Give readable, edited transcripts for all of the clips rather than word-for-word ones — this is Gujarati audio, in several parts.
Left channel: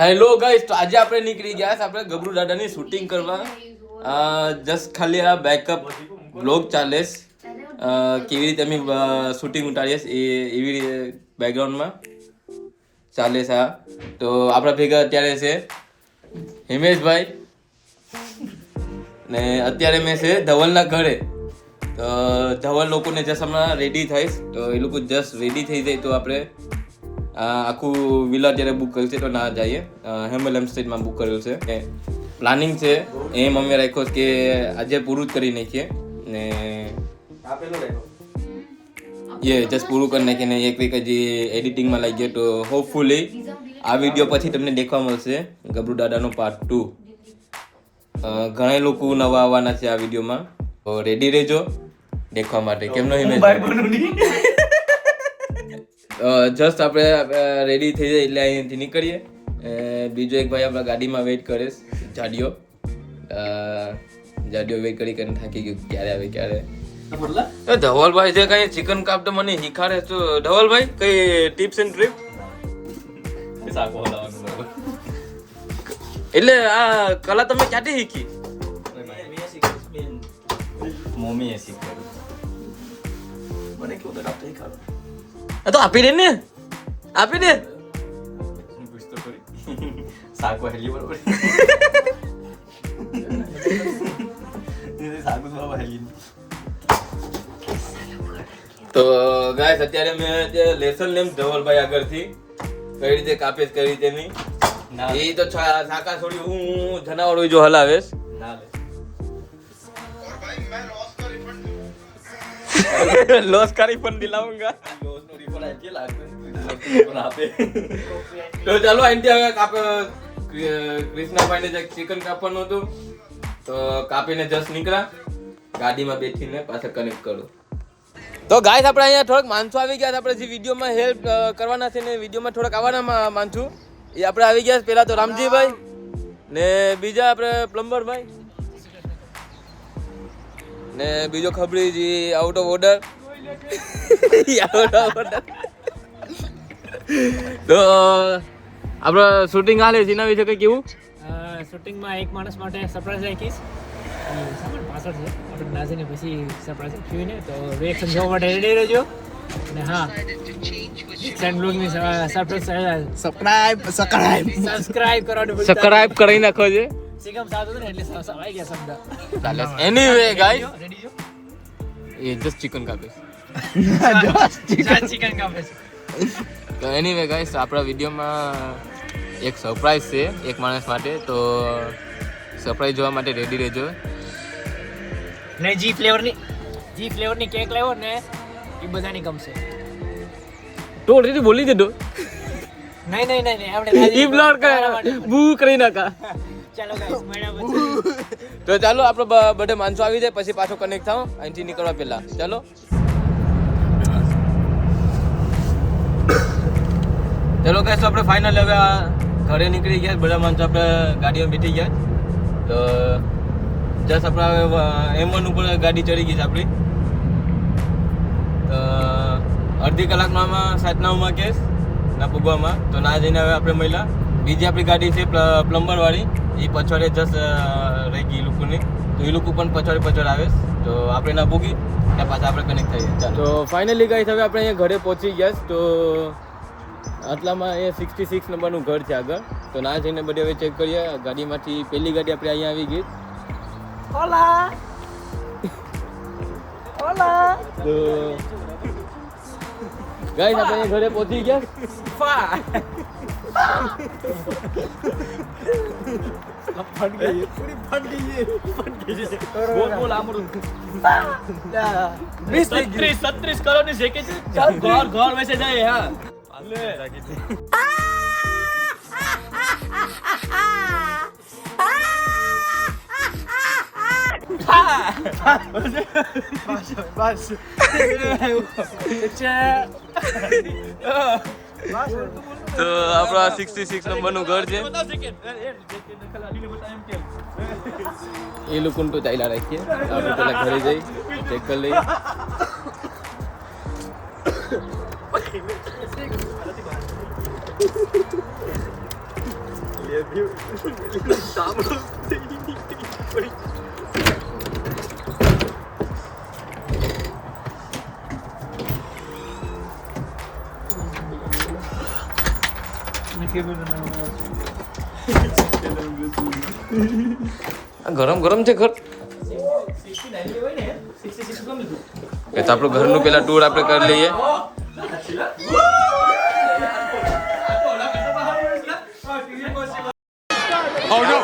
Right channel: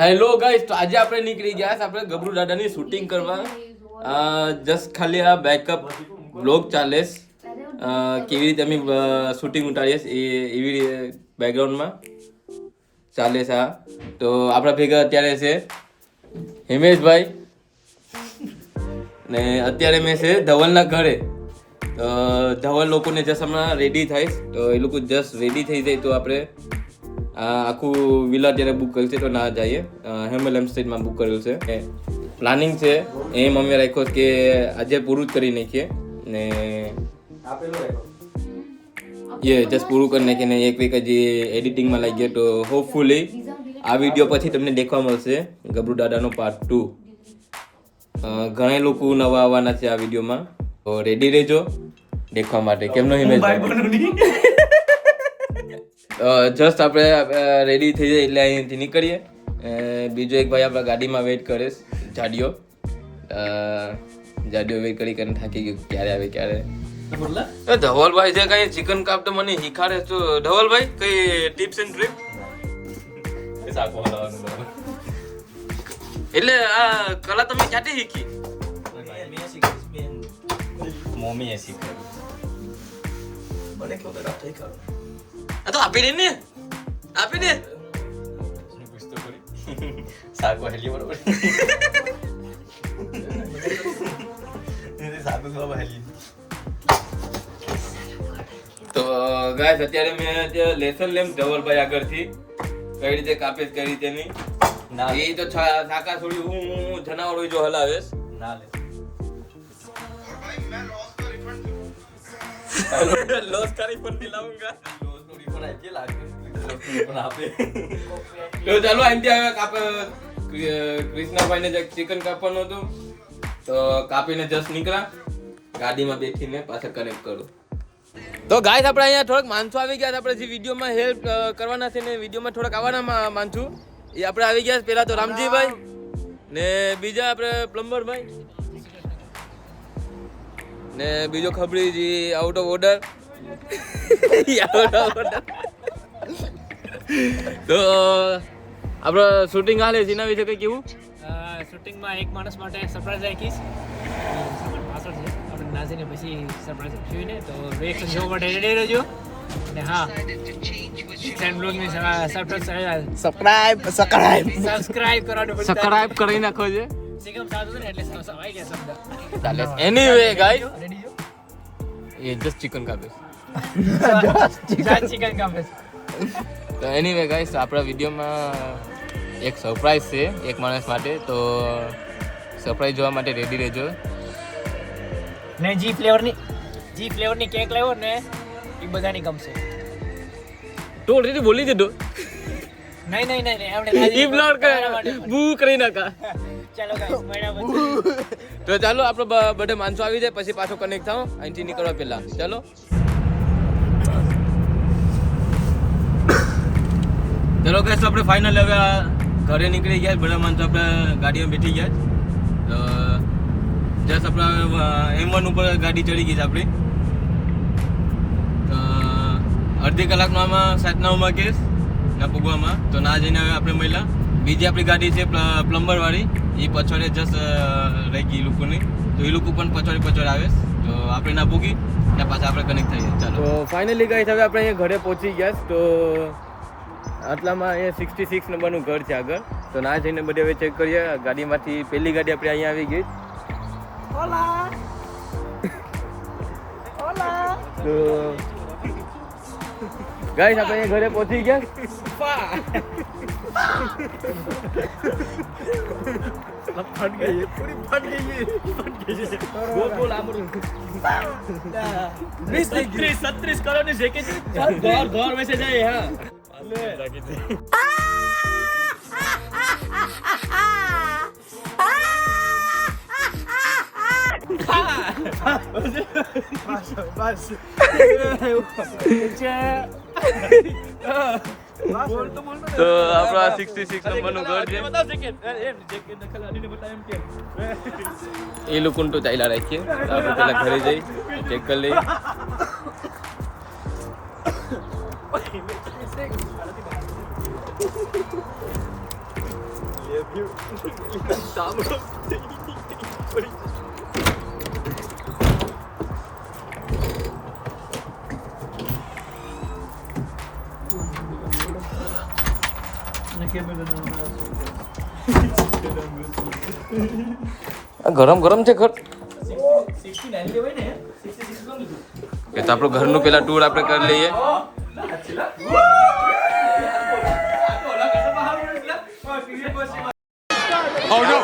હેલો ગાઈસ, તો આજે આપણે નીકળી ગયા છે આપણે ગબરૂ દાદાની શૂટિંગ કરવા. જસ્ટ ખાલી આ બેકઅપ બ્લોગ ચાલે છે. કેવી રીતે અમે શૂટિંગ ઉતારીએ એવી બેકગ્રાઉન્ડમાં ચાલે છે. તો આપણા ભેગા અત્યારે છે હિમેશભાઈ ને અત્યારે મેં છે ધવલના ઘરે. તો ધવલ લોકોને જસ્ટ હમણાં રેડી થાય, તો એ લોકો જસ્ટ રેડી થઈ જાય તો આપણે આખું વિલા ત્યારે બુક કર્યું છે તો ના જઈએ. હેમલ એમસ્ટેટમાં બુક કર્યું છે. પ્લાનિંગ છે એ મમ્મી રાખ્યો કે આજે પૂરું જ કરી નાખીએ ને જસ્ટ પૂરું કરી નાખીને એક વીક હજી એડિટિંગમાં લાગી ગયો. તો હોપફુલી આ વિડીયો પછી તમને દેખવા મળશે ગબરૂ દાદાનો પાર્ટ 2. ઘણા લોકો નવા આવવાના છે આ વિડીયોમાં, તો રેડી રહેજો દેખવા માટે. કેમનો જસ્ટ આપણે રેડી થઈ જાય એટલે અહીંયાથી નીકળીએ. બીજો એક ભાઈ આપણા ગાડીમાં વેઇટ કરે છે, જાડિયો વેઇટ કરીને થાકી ગયો ક્યારે આવે ક્યારે. ધવલભાઈ છે કઈ ચિકન કાપ તો મને શીખાડે. તો ધવલભાઈ કઈ ટિપ્સ એન્ડ ટ્રિક? એટલે આ કલા તમે ક્યાંથી શીખી? મમ્મીએ શીખવાડ્યું મને કેવું તો કાપતા તો આપી દે ને, આપી દે. શાક વહેલી બરોબર શાક વહેલી. તો ગાઈસ અત્યારે મેં લેસન લેમ ધવલભાઈ આગળથી કઈ રીતે કાપે કઈ રીતે નહીં. એ તો શાકા છોડી હું જનાવર હોય જો હલાવેશ ના લે લોસ કરી પણ દિલાવુંગા. લોસ નો રિપોર્ટ આવી કે લાગે આપે. તો ચાલો અહીંથી હવે કૃષ્ણભાઈને જે ચિકન કાપવાનું હતું તો કાપીને જસ્ટ નીકળ્યા, ગાડીમાં બેઠીને પાછા કનેક્ટ કરું. તો ગાઈસ આપણે અહીંયા થોડાક માણસો આવી ગયા. આપણે જે વિડીયોમાં હેલ્પ કરવાના છે ને વિડીયોમાં થોડાક આવવાના માણસો એ આપણે આવી ગયા. પહેલા તો રામજીભાઈ ને બીજા આપણે પ્લમ્બરભાઈ ને બીજો ખબરીજી આઉટ ઓફ ઓર્ડર. તો આપણે શૂટિંગ હાલે છે એના વિશે કઈ કેવું? શૂટિંગમાં એક માણસ માટે સરપ્રાઈઝ રાખીશ. સામાન પાછળ છે, આપણે નાસીને પછી સરપ્રાઈઝ થયું ને તો રિએક્શન જોવા માટે રેડી રહેજો. અને હા, સબસ્ક્રાઇબ સબસ્ક્રાઇબ કરી નાખો છે. સિગમ સાદું ને એટલે આવી ગયા શબ્દ. ચાલે એનીવે ગાઈસ એ જસ્ટ ચિકન કાપે ચિકન કાપે છે. તો એનીવે ગાઈસ આપણા વિડીયોમાં એક સરપ્રાઈઝ છે એક માણસ માટે. તો સરપ્રાઈઝ જોવા માટે રેડી રહેજો. ને જી ફ્લેવરની કેક લેવો ને એ બધાની ગમશે. તો ઓલરેડી બોલી દીધો. નહીં આપણે ઈ બ્લોગ બૂ કરી નાખા. ચાલો ગાઈસ મળ્યા પછી. તો ચાલો આપણે બધે માણસો આવી જાય પછી પાછો કનેક્ટ થાવ અહીંથી નીકળવા પહેલા. ચાલો ચલો ગાઈસ આપણે ફાઇનલ હવે ઘરે નીકળી ગયા. બધા માણસો આપણે ગાડીમાં બેઠી ગયા. તો જસ્ટ આપણે M1 ઉપર ગાડી ચડી ગઈ છે આપણી. તો અડધી કલાકમાં 7-9 કેસ ના પૂગવામાં. તો ના જઈને હવે આપણે મળ્યા બીજી આપણી ગાડી છે પ્લમ્બર વાળી. એ પછોડે જસ્ટ રહી ગઈ લોકોની, તો એ લોકો પણ પછોડ આવે. તો આપણે ના પૂગી ત્યાં પાછા આપણે કનેક્ટ થઈએ. ચાલો તો ફાઇનલી ગાઈસ હવે આપણે અહીંયા ઘરે પહોંચી ગયા. તો આટલામાં એ 66 નંબરનું ઘર છે આગળ. તો ના જઈને બધે હવે ચેક કરીએ. ગાડીમાંથી પહેલી ગાડી આપણે અહીંયા આવી ગઈ. તો ગાઈસ આપણે અહીંયા ઘરે પહોંચી ગયા. ફટ ગઈ પૂરી ફટ ગઈ બોલ આપણું 36 કરોડની જેકેટ ઘર વૈસે જાય. હા તો આપણા 66 નંબરનું ઘર છે. એ લોકોને તો ચાલ્યા રાખીએ. આપણે પેલા ઘરે જઈ ચેક કરી લઈએ. ગરમ ગરમ છે ઘર એ તો આપણું ઘરનું પેલા ટૂર આપણે કરી લઈએ. Oh no!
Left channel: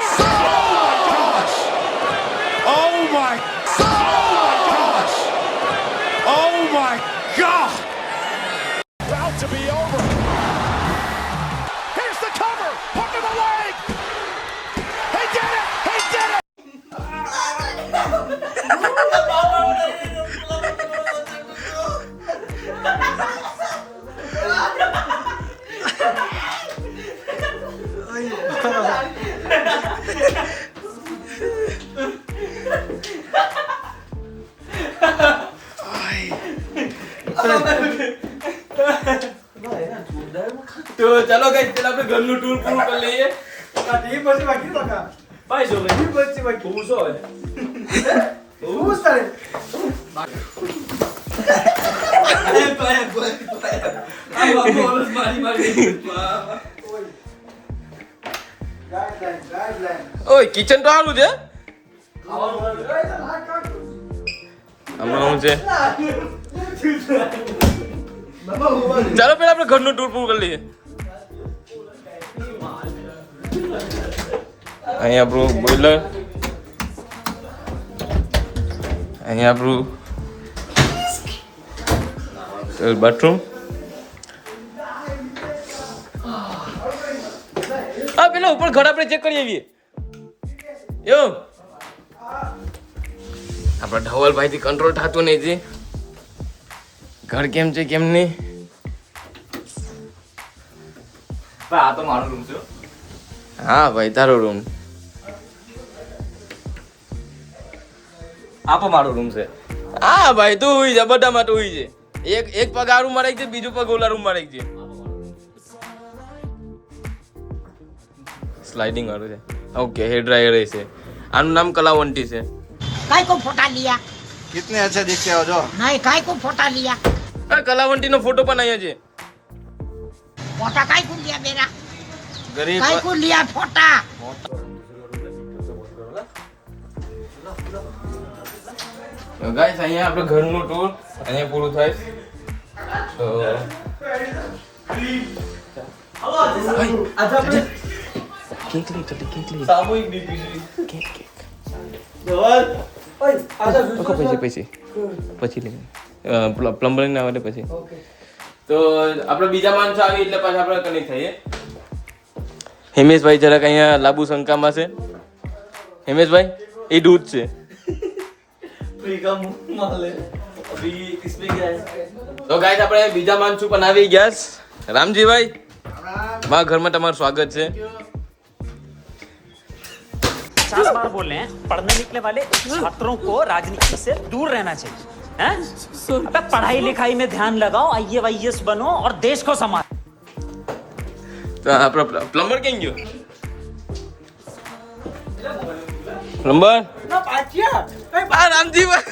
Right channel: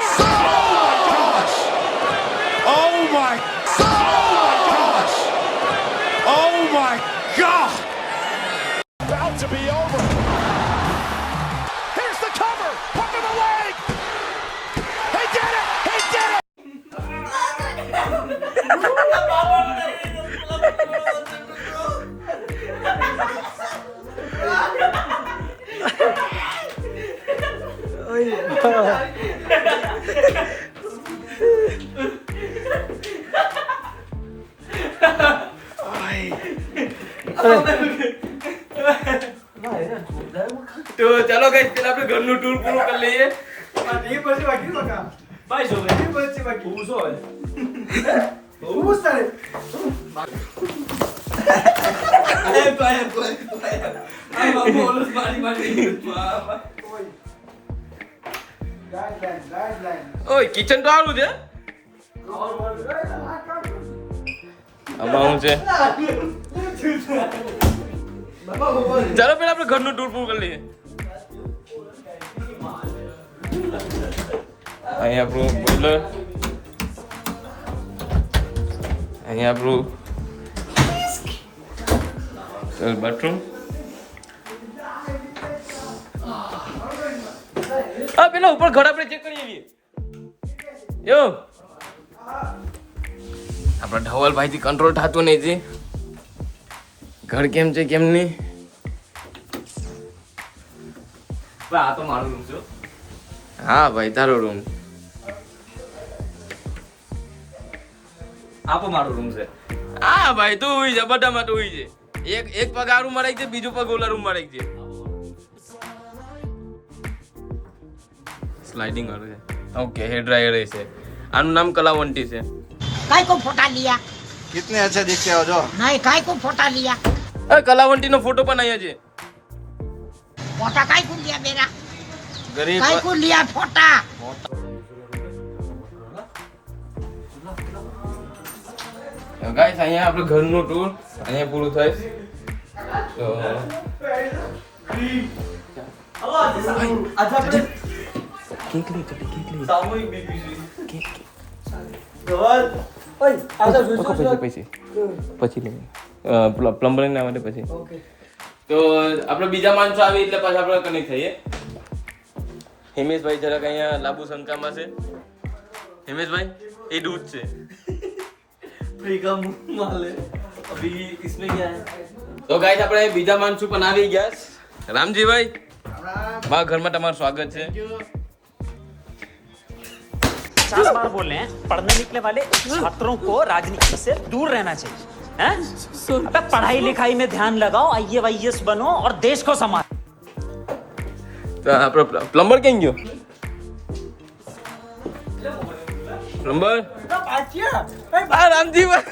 Oh my gosh! Oh my God! About to be over. Here's the cover. Under the leg. He did it. He did it. તો ચાલો ગાઈસ પેલા આપણે ઘરનું ટૂર પૂરું કરી લઈએ. ભાઈ જો ભાઈ હું શું હવે હું તારે અરે ભાઈ આ બાબુ ઓલસ મારી ઓય કિચન તો આવું છે. આમાં શું છે? ચાલો પેલા આપણે ઘરનું ટૂર પૂરું કરી લઈએ. અહીંયા આપણું બોઈલર, અહીંયા આપણું બાથરૂમ. હા પેલા ઉપર ઘર આપણે ચેક કરી આવીએ. એવું આપણા ધવલભાઈ થી કંટ્રોલ થતું નહીં છે. ઘર કેમ છે કેમ નહીં. આ તો મારો રૂમ છે. હા ભાઈ તારો રૂમ. આપો મારો રૂમ છે. હા ભાઈ તું હોય છે, બધામાં તું હોય છે. એક પગ આ રૂમમાં રાખી છે, બીજું પગ ઓલા રૂમમાં રાખી છે. સ્લાઇડિંગ વાળું છે. ઓકે હેર ડ્રાયર છે. આનું નામ કલાવંતી છે. काय को फोटा लिया कितने अच्छे दिखते हो जो. नहीं काय को फोटा लिया કલાવંતી નો ફોટો પણ અહીંયા છે. फोटा काय को लिया मेरा ગરીબ काय को लिया फोटा ગાઈસ અહીંયા આપણે ઘરનું ટૂર અહીંયા પૂરું થાય. તો કેક લઈ ચલી કેક લઈ સામૂહિક દીકરી કેક કેક ધવલ ઓય આ પછી લઈ પ્લમ્બરિંગ ના માટે પછી. તો આપણે બીજા માણસો આવી એટલે પાછા આપણે કનેક્ટ થઈએ. હિમેશભાઈ જરાક અહીંયા લાબુ શંકામાં છે. હિમેશભાઈ એ દૂધ છે. का मुंह माले अभी किसमें क्या है તો ગાઈસ આપણે બીજા માણસો પણ આવી ગયા છે. રામજીભાઈ મારા ઘરમાં તમારું સ્વાગત છે. 50 बार बोल रहे हैं पढ़ने निकले वाले छात्रों को राजनीति से दूर रहना चाहिए हैं? अबे पढ़ाई लिखाई में ध्यान लगाओ, IAS बनो और देश को संभालो. તો આપણો પ્લમ્બર કેમ ગયો? પ્લમ્બર આ રામજીભાઈ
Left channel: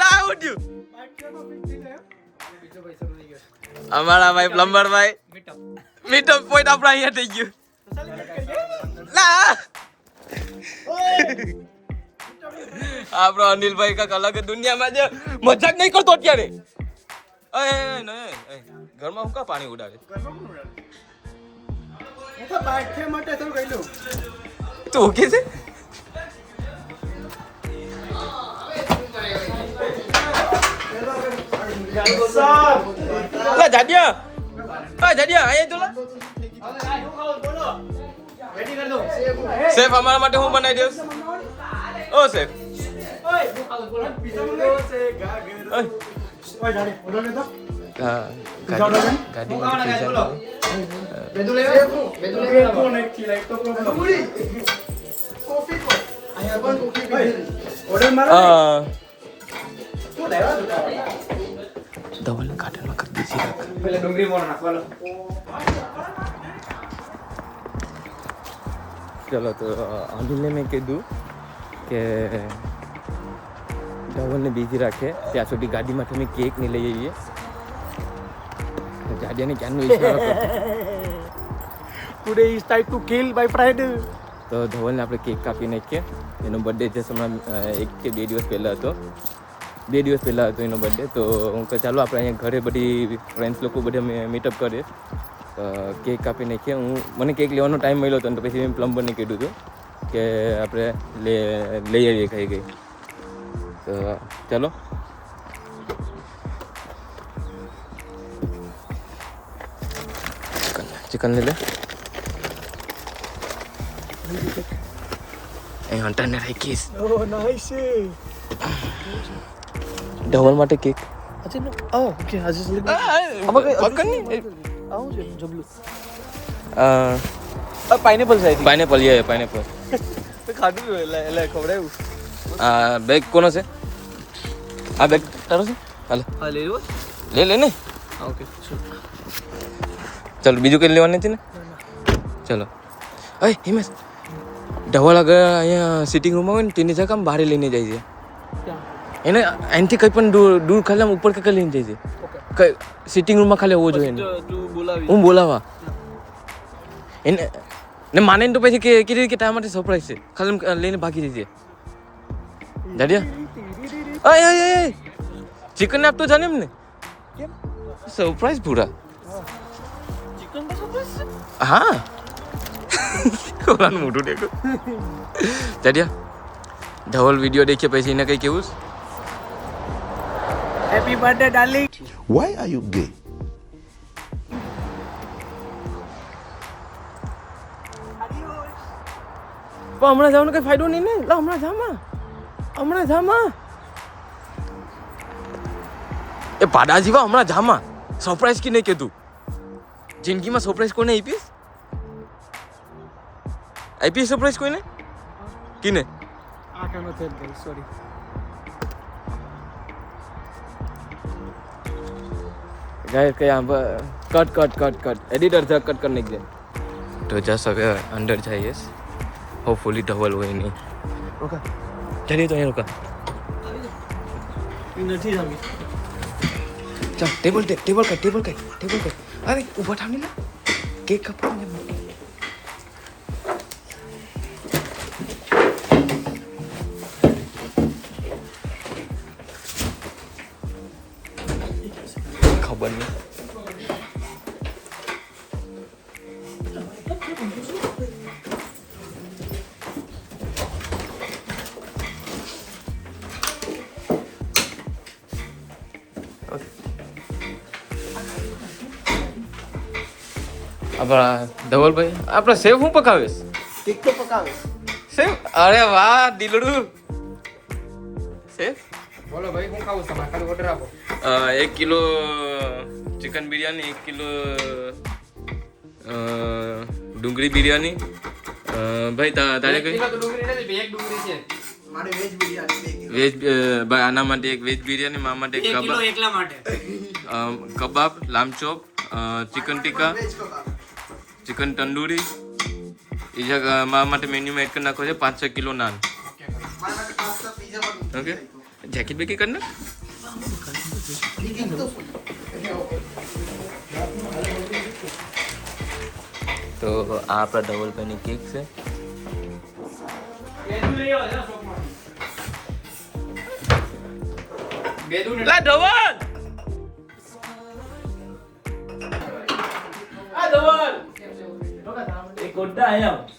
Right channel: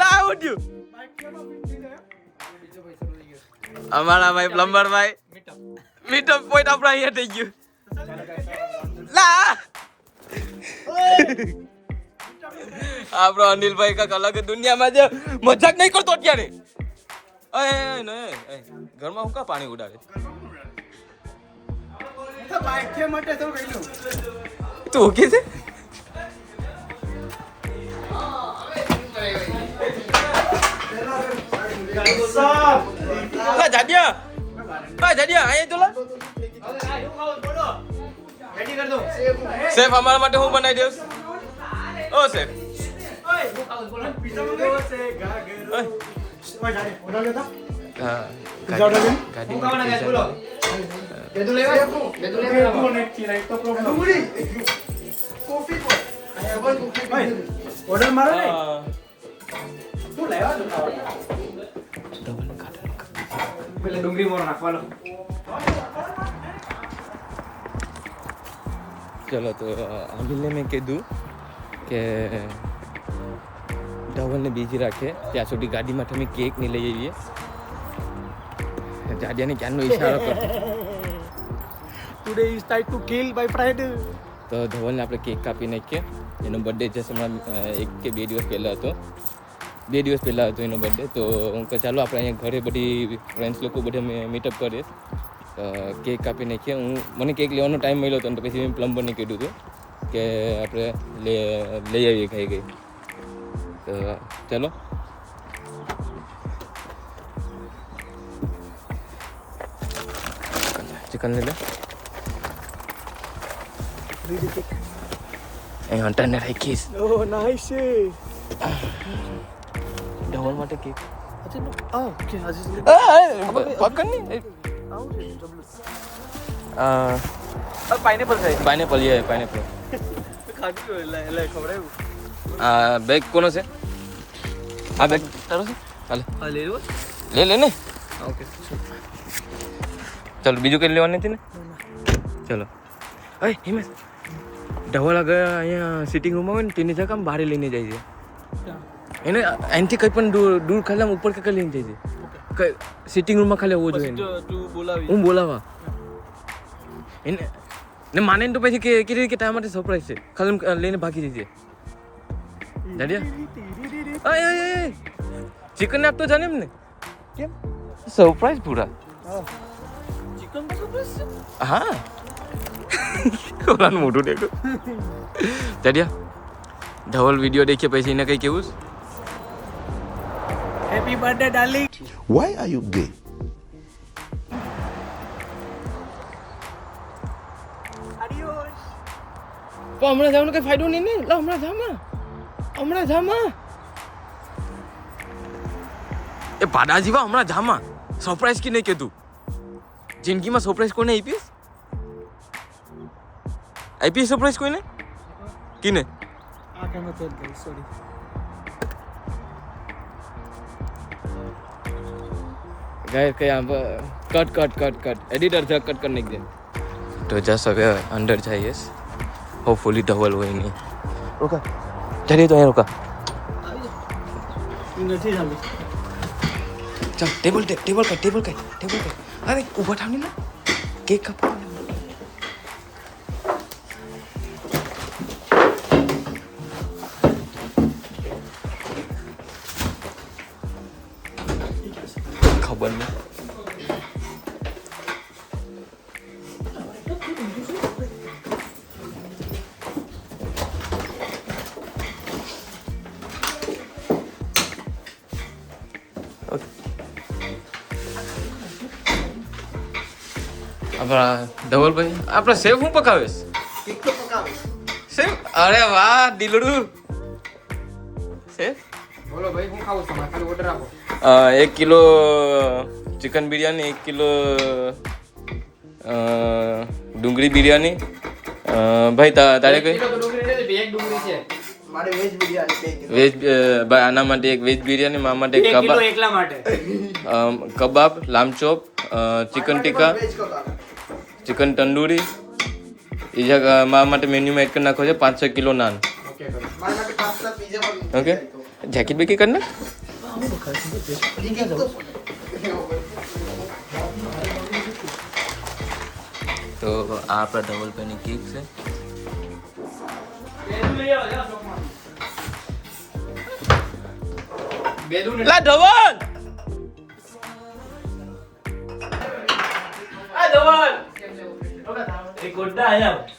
લા ઉઠ્યું. અમારા ભાઈ પ્લમ્બર ભાઈ મીટઅપ પોઈન્ટ આપણા અહીંયા થઈ ગયું. લા આપણો અનિલભાઈ કાંઈક અલગ દુનિયામાં છે. મજાક નહીં કરતો અત્યારે. ઘરમાં હું કા પાણી ઉડાડે? તું ઓકે છે? જાડિયા અહીંયા ચલો. સેફ અમારા માટે હું બનાવી દઉં? ઓ સેફ હા ગાડી ધવલ ગાર્ડનમાં કરી દીધી. पहले डुंगरी मोड़ नाखवालो ચલો તો અનિલને મેં કીધું કે ધવલને બીજી રાખે ત્યાં સુધી ગાડીમાં તમે કેક નહીં લઈ આવીએ. જાડિયાને ક્યાંનો ઈશારો કરતો. Today is time to kill my friend. તો ધવલને આપણે કેક કાપી નાખીએ. એનો બર્થડે જસ્ટ હમણાં 1 કે 2 દિવસ પહેલાં હતો. 2 દિવસ પહેલાં હતો એનો બર્થડે. તો હું કહે ચાલો આપણે અહીંયા ઘરે બધી ફ્રેન્ડ્સ લોકો બધા મીટઅપ કરીએ. કેક કાપી નાખીએ. મને કેક લેવાનો ટાઈમ મળ્યો હતો ને તો પછી મેં પ્લમ્બરને કીધું હતું કે આપણે લઈ આવીએ ખાઈ ગઈ. તો ચાલો ચિકન લઈ લે. એ હંટાને રાખીશ. નાઈસ. ધવલ માટે કેક ઓકે આજે પકડ નહીં. પાઇનેપલ સાઈડ પાઇનેપલ યે પાઇનેપલ. ખાધું એટલે ખવડાવ્યું. આ બેગ કોનો છે? આ બેગ તારો છે? હાલે હા લઈ લો. લે ને. ઓકે ચલો બીજું કંઈ લેવાનું નથી ને? ચલો. અય હિમેશ, ધવલ આગળ અહીંયા સિટિંગ રૂમમાં હોય ને તેની જગ્યા બહાર લઈને જાય છે. એને અહીંથી કંઈ પણ દૂર ખાલી ઉપર કંઈ લઈને જાય છે. સિટિંગ રૂમમાં ખાલી હોવો જોઈએ. તું બોલાવી. હું બોલાવા એને ને માને તો પછી કે કીધું કે તારા માટે સરપ્રાઈઝ છે. ખાલી લઈને ભાગી જઈએ. જાડિયા અય ચિકન ને આપતો જાને એમને સરપ્રાઈઝ પૂરા. હા ઓલાનું મોઢું દેખો. જાડિયા ધવલ વિડીયો દેખીએ પછી એને કંઈ કેવું? Happy birthday darling. Why are you gay? પણ હમણાં જવાનો કઈ ફાયદો નહીં ને. લો હમણાં જામાં એ પાડા જીવા હમણાં જામાં સરપ્રાઈઝ કે નહીં કીધું? જિંદગીમાં સરપ્રાઈઝ કોને આપીશ સરપ્રાઈઝ કોઈને કીને? આ કેનો છે ભાઈ, સોરી. ગાય કઈ આમ કટ એડિટર છે કટ કરી નાખજે. તો જસ હવે અંડર જઈએ. હોપફુલી ધવલ હોય નહીં. રોકા જઈએ તો અહીંયા રોકા. નથી જામી. ચાલ ટેબલ કઈ. અરે ઊભા થામી ને કેક કપા. ખબર નહીં. આપણા ધવલભાઈ આપણા સેવ હું પકાવીશ? કેક તો પકાવે. સેવ? અરે વાહ દિલડું. સેવ બોલો ભાઈ, હું ખાવું છું? ખાલી ઓર્ડર આપો. 1 કિલો ચિકન બિરયાની, 1 કિલો ડુંગળી બિરયાની. ભાઈ તારે કઈ? તો ડુંગળી નથી, બે એક ડુંગળી છે. મારે વેજ બિરયાની 2 કિલો. વેજ ભાઈ આના માટે એક વેજ બિરયાની, મારા માટે 1 કિલો કબાબ, એકલા માટે. કબાબ, લામચોપ, ચિકન ટીકા, વેજ કબાબ. ચિકન તંદૂરી. એ જગ્યા મારા માટે મેન્યુમાં એડ કરી નાખો છે 5-6 કિલો નાન. ઓકે કરો. મારા માટે પાસ્તા પીઝા પણ. ઓકે જેકેટ બેકેટ કર નાખ. તો આ આપણા ધવલભાઈની કેક છે. લા ધવલ नहीं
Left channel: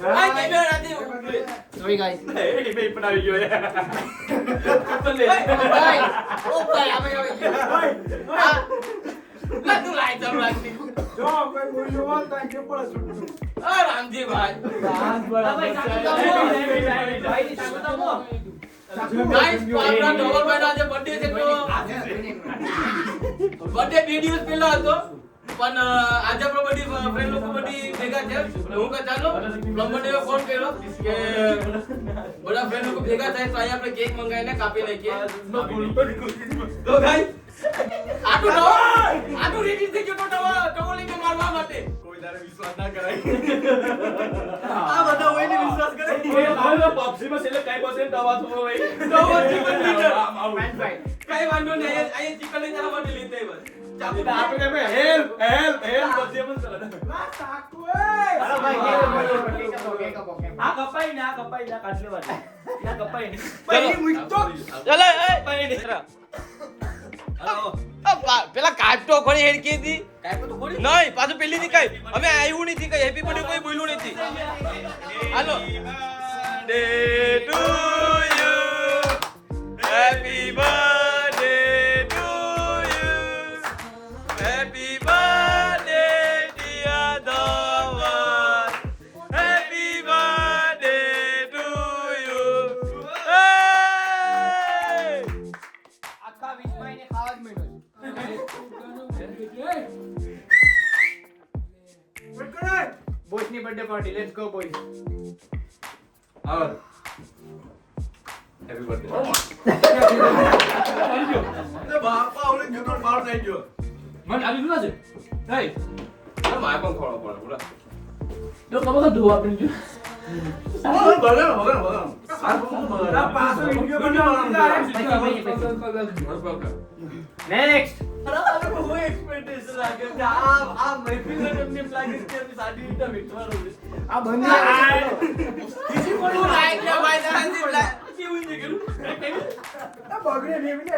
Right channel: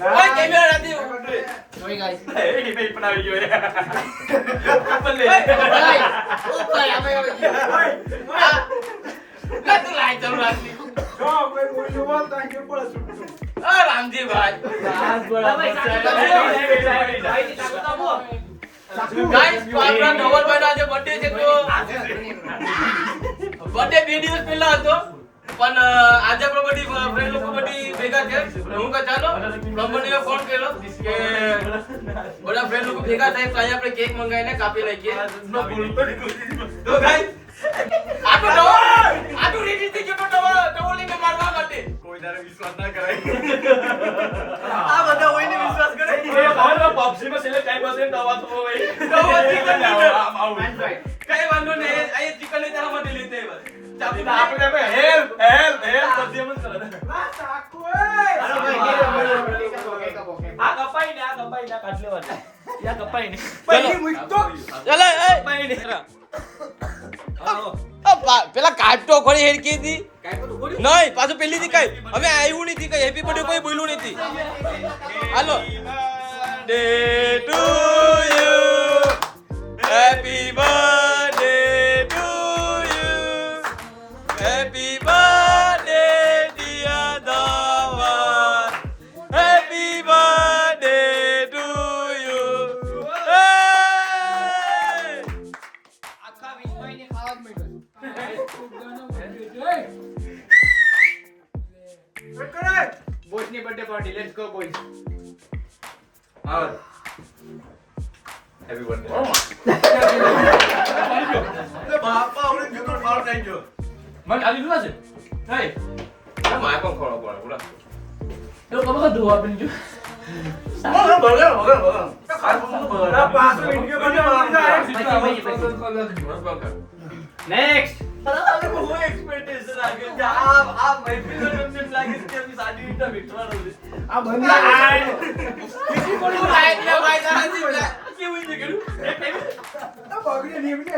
કેમેરા નથી Sorry guys. પણ આવી ગયો ઉપર આવે તું લાઈ ચાલુ રાખી રામજી ભાઈ ગાઈસ આપણા ડબલ ભાઈ આજે બર્થડે છે તો બર્થડે 2 દિવસ પહેલા હતો પણ આજે આપણો બધી ફ્રેન્ડ લોકો બધી ભેગા થયા હું કહું ચાલો કંપનીએ ફોન કર્યો કે બધા ફ્રેન્ડ લોકો ભેગા થાય તો અહીંયા આપણે કેક મંગાવીને કાપી નાખીએ તો ગાઈસ આટલું રેડી થઈ ગયો ટવલ લઈને મારવા માટે કોઈ તારે વિશ્વાસ ના કરાય આ બધા હોઈને વિશ્વાસ કરે પાપસીમાં છેલ્લે ટાઈમ પાસે દવા થવો હોય કઈ વાંધો નહીં આ ચિકન લઈ જરા માટે લેતે આપણે હેલ્પ બધી એમ જ કરે આ કપાઈ ના કાઢ લેવા યા કપાઈ ને પેલા કાપતો ખોરી હેડકી હતી નહીં પાછું પેલી થી કઈ અમે આવ્યું નથી કઈ હેપી બર્થડે કોઈ બોલ્યું નથી હાલો day to you happy birthday to you happy birthday dear Dhaval happy birthday to you આખા વિશ્વને ખાવા જ મળ્યું બોયસ ની birthday party let's go boys happy birthday બાપા આપણે જુનો માર થઈ ગયો મને આલી દુના છે હે માય પણ ખોળો બોલા તો કમ દુવા આપી જો ભલે આ પાછો વિડિયો બનાવવા નેક્સ્ટ હું એક્સપેક્ટેશન લાગે છે આ મહેફિલનો તમને લાગે છે કે આપણી સાડી રીતના બેઠવાનો છે આ બંધ કિસી કોનું લાઈક લે ભાઈ સાંજી બ્લાક કેવું છે કેવું આ બગડે નીવડે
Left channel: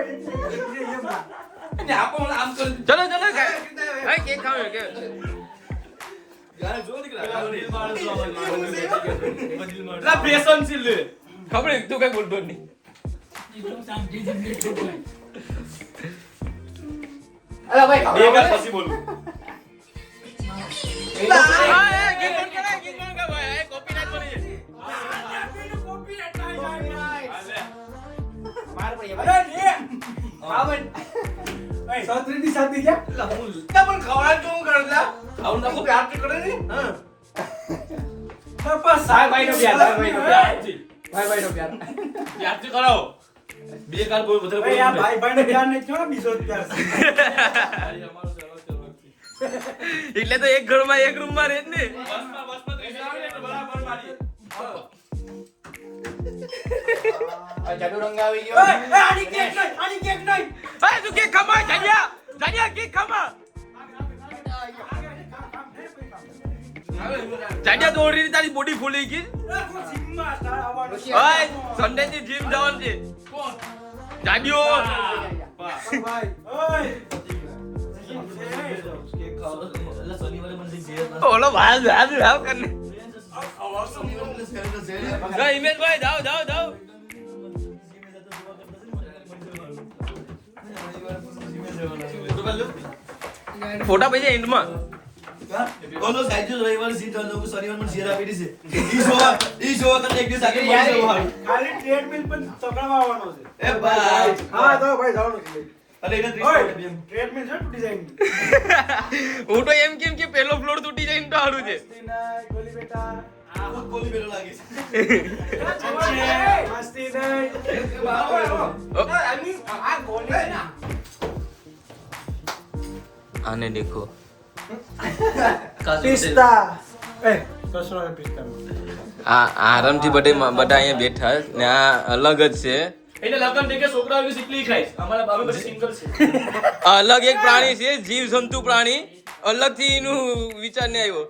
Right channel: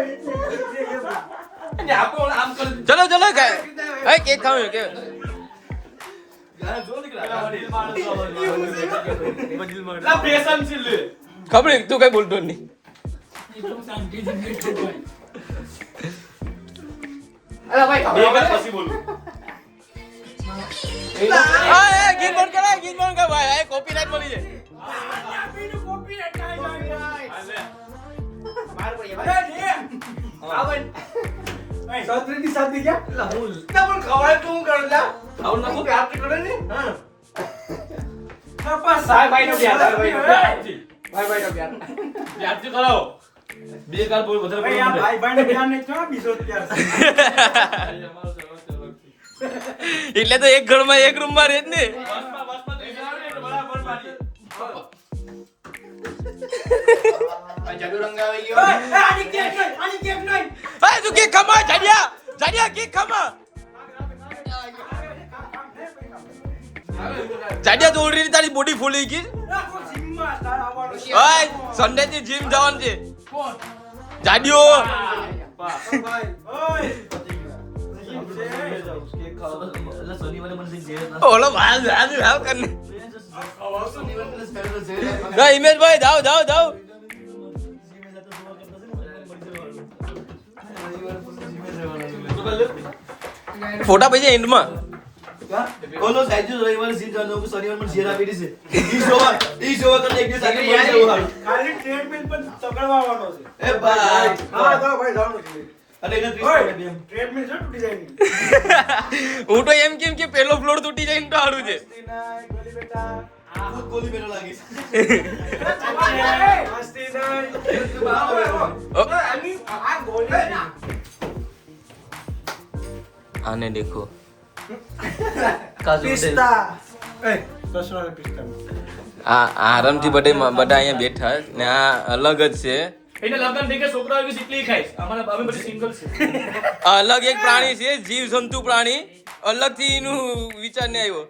અને આપો આમ કર ચલો ચલો એ કેક ખાવ કે યાર જો નીકળા લા પેશન છે લે ખબર તું કઈ બોલતો નહીં અરે ભાઈ બે વાર પછી બોલું ગીત બંધ કરાય ગીત બંધ કર ભાઈ આ કોપીરાઈટ મળી જાય માર કોઈ ભાઈ સૌત્રીની શાદી ક્યાં પણ ખવાય તું કરલા આવું નકો પ્યાર તો કરે ને હા પાપા સાહેબ ભાઈ નો પ્યાર ભાઈ નો પ્યાર પ્યાર તો કરાવો બે કાલ બોલ વધારે બોલ ભાઈ ને પ્યાર નહીં છો બીજો પ્યાર એટલે તો એક ઘરમાં એક રૂમ માં રહે જ ને જાડુ રંગ આવી ગયો આની કેક નહીં એ તું કેક ખમા જાડિયા કેક ખમા જાડિયા તો ઓલરેડી તારી બોડી ફૂલી ગઈ ઓય સન્ડે થી જીમ જવાનું છે જાડિયો ઓલો ભાઈ જાવ કરને ના ઇમેજ ભાઈ જાવ ફોટા પછી એન્ડ માં બોલો સાઈજુ રવિવારે સીટ જાનો હું શનિવાર માં શેર આપી દીશે ઈ શો કરને એક દિવસ આખી મળી જવું હારું ખાલી ટ્રેડમિલ પણ તકડવા આવવાનો છે એ ભાઈ હા તો ભાઈ જાવ અરે એને 30 એમ ટ્રેડમિલ છે તૂટી જાય હું તો એમ કેમ કે પેલો ફ્લોર તૂટી જાય ને તો સારું છે ગોલી બેટા આ ગોલી મેરો લાગે છે મસ્તી નહીં આ ગોલી ના આને દેખો પિસ્તા એ દસરા પિસ્તા આરામથી બધા અહીંયા બેઠા ને આ અલગ જ છે એને લગન દેખે છોકરાઓની સિકલી ખાઈશ અમારા બાબુ બધી સિંગલ છે અલગ એક પ્રાણી છે જીવ જંતુ પ્રાણી અલગથી એનું વિચાર ને આવ્યો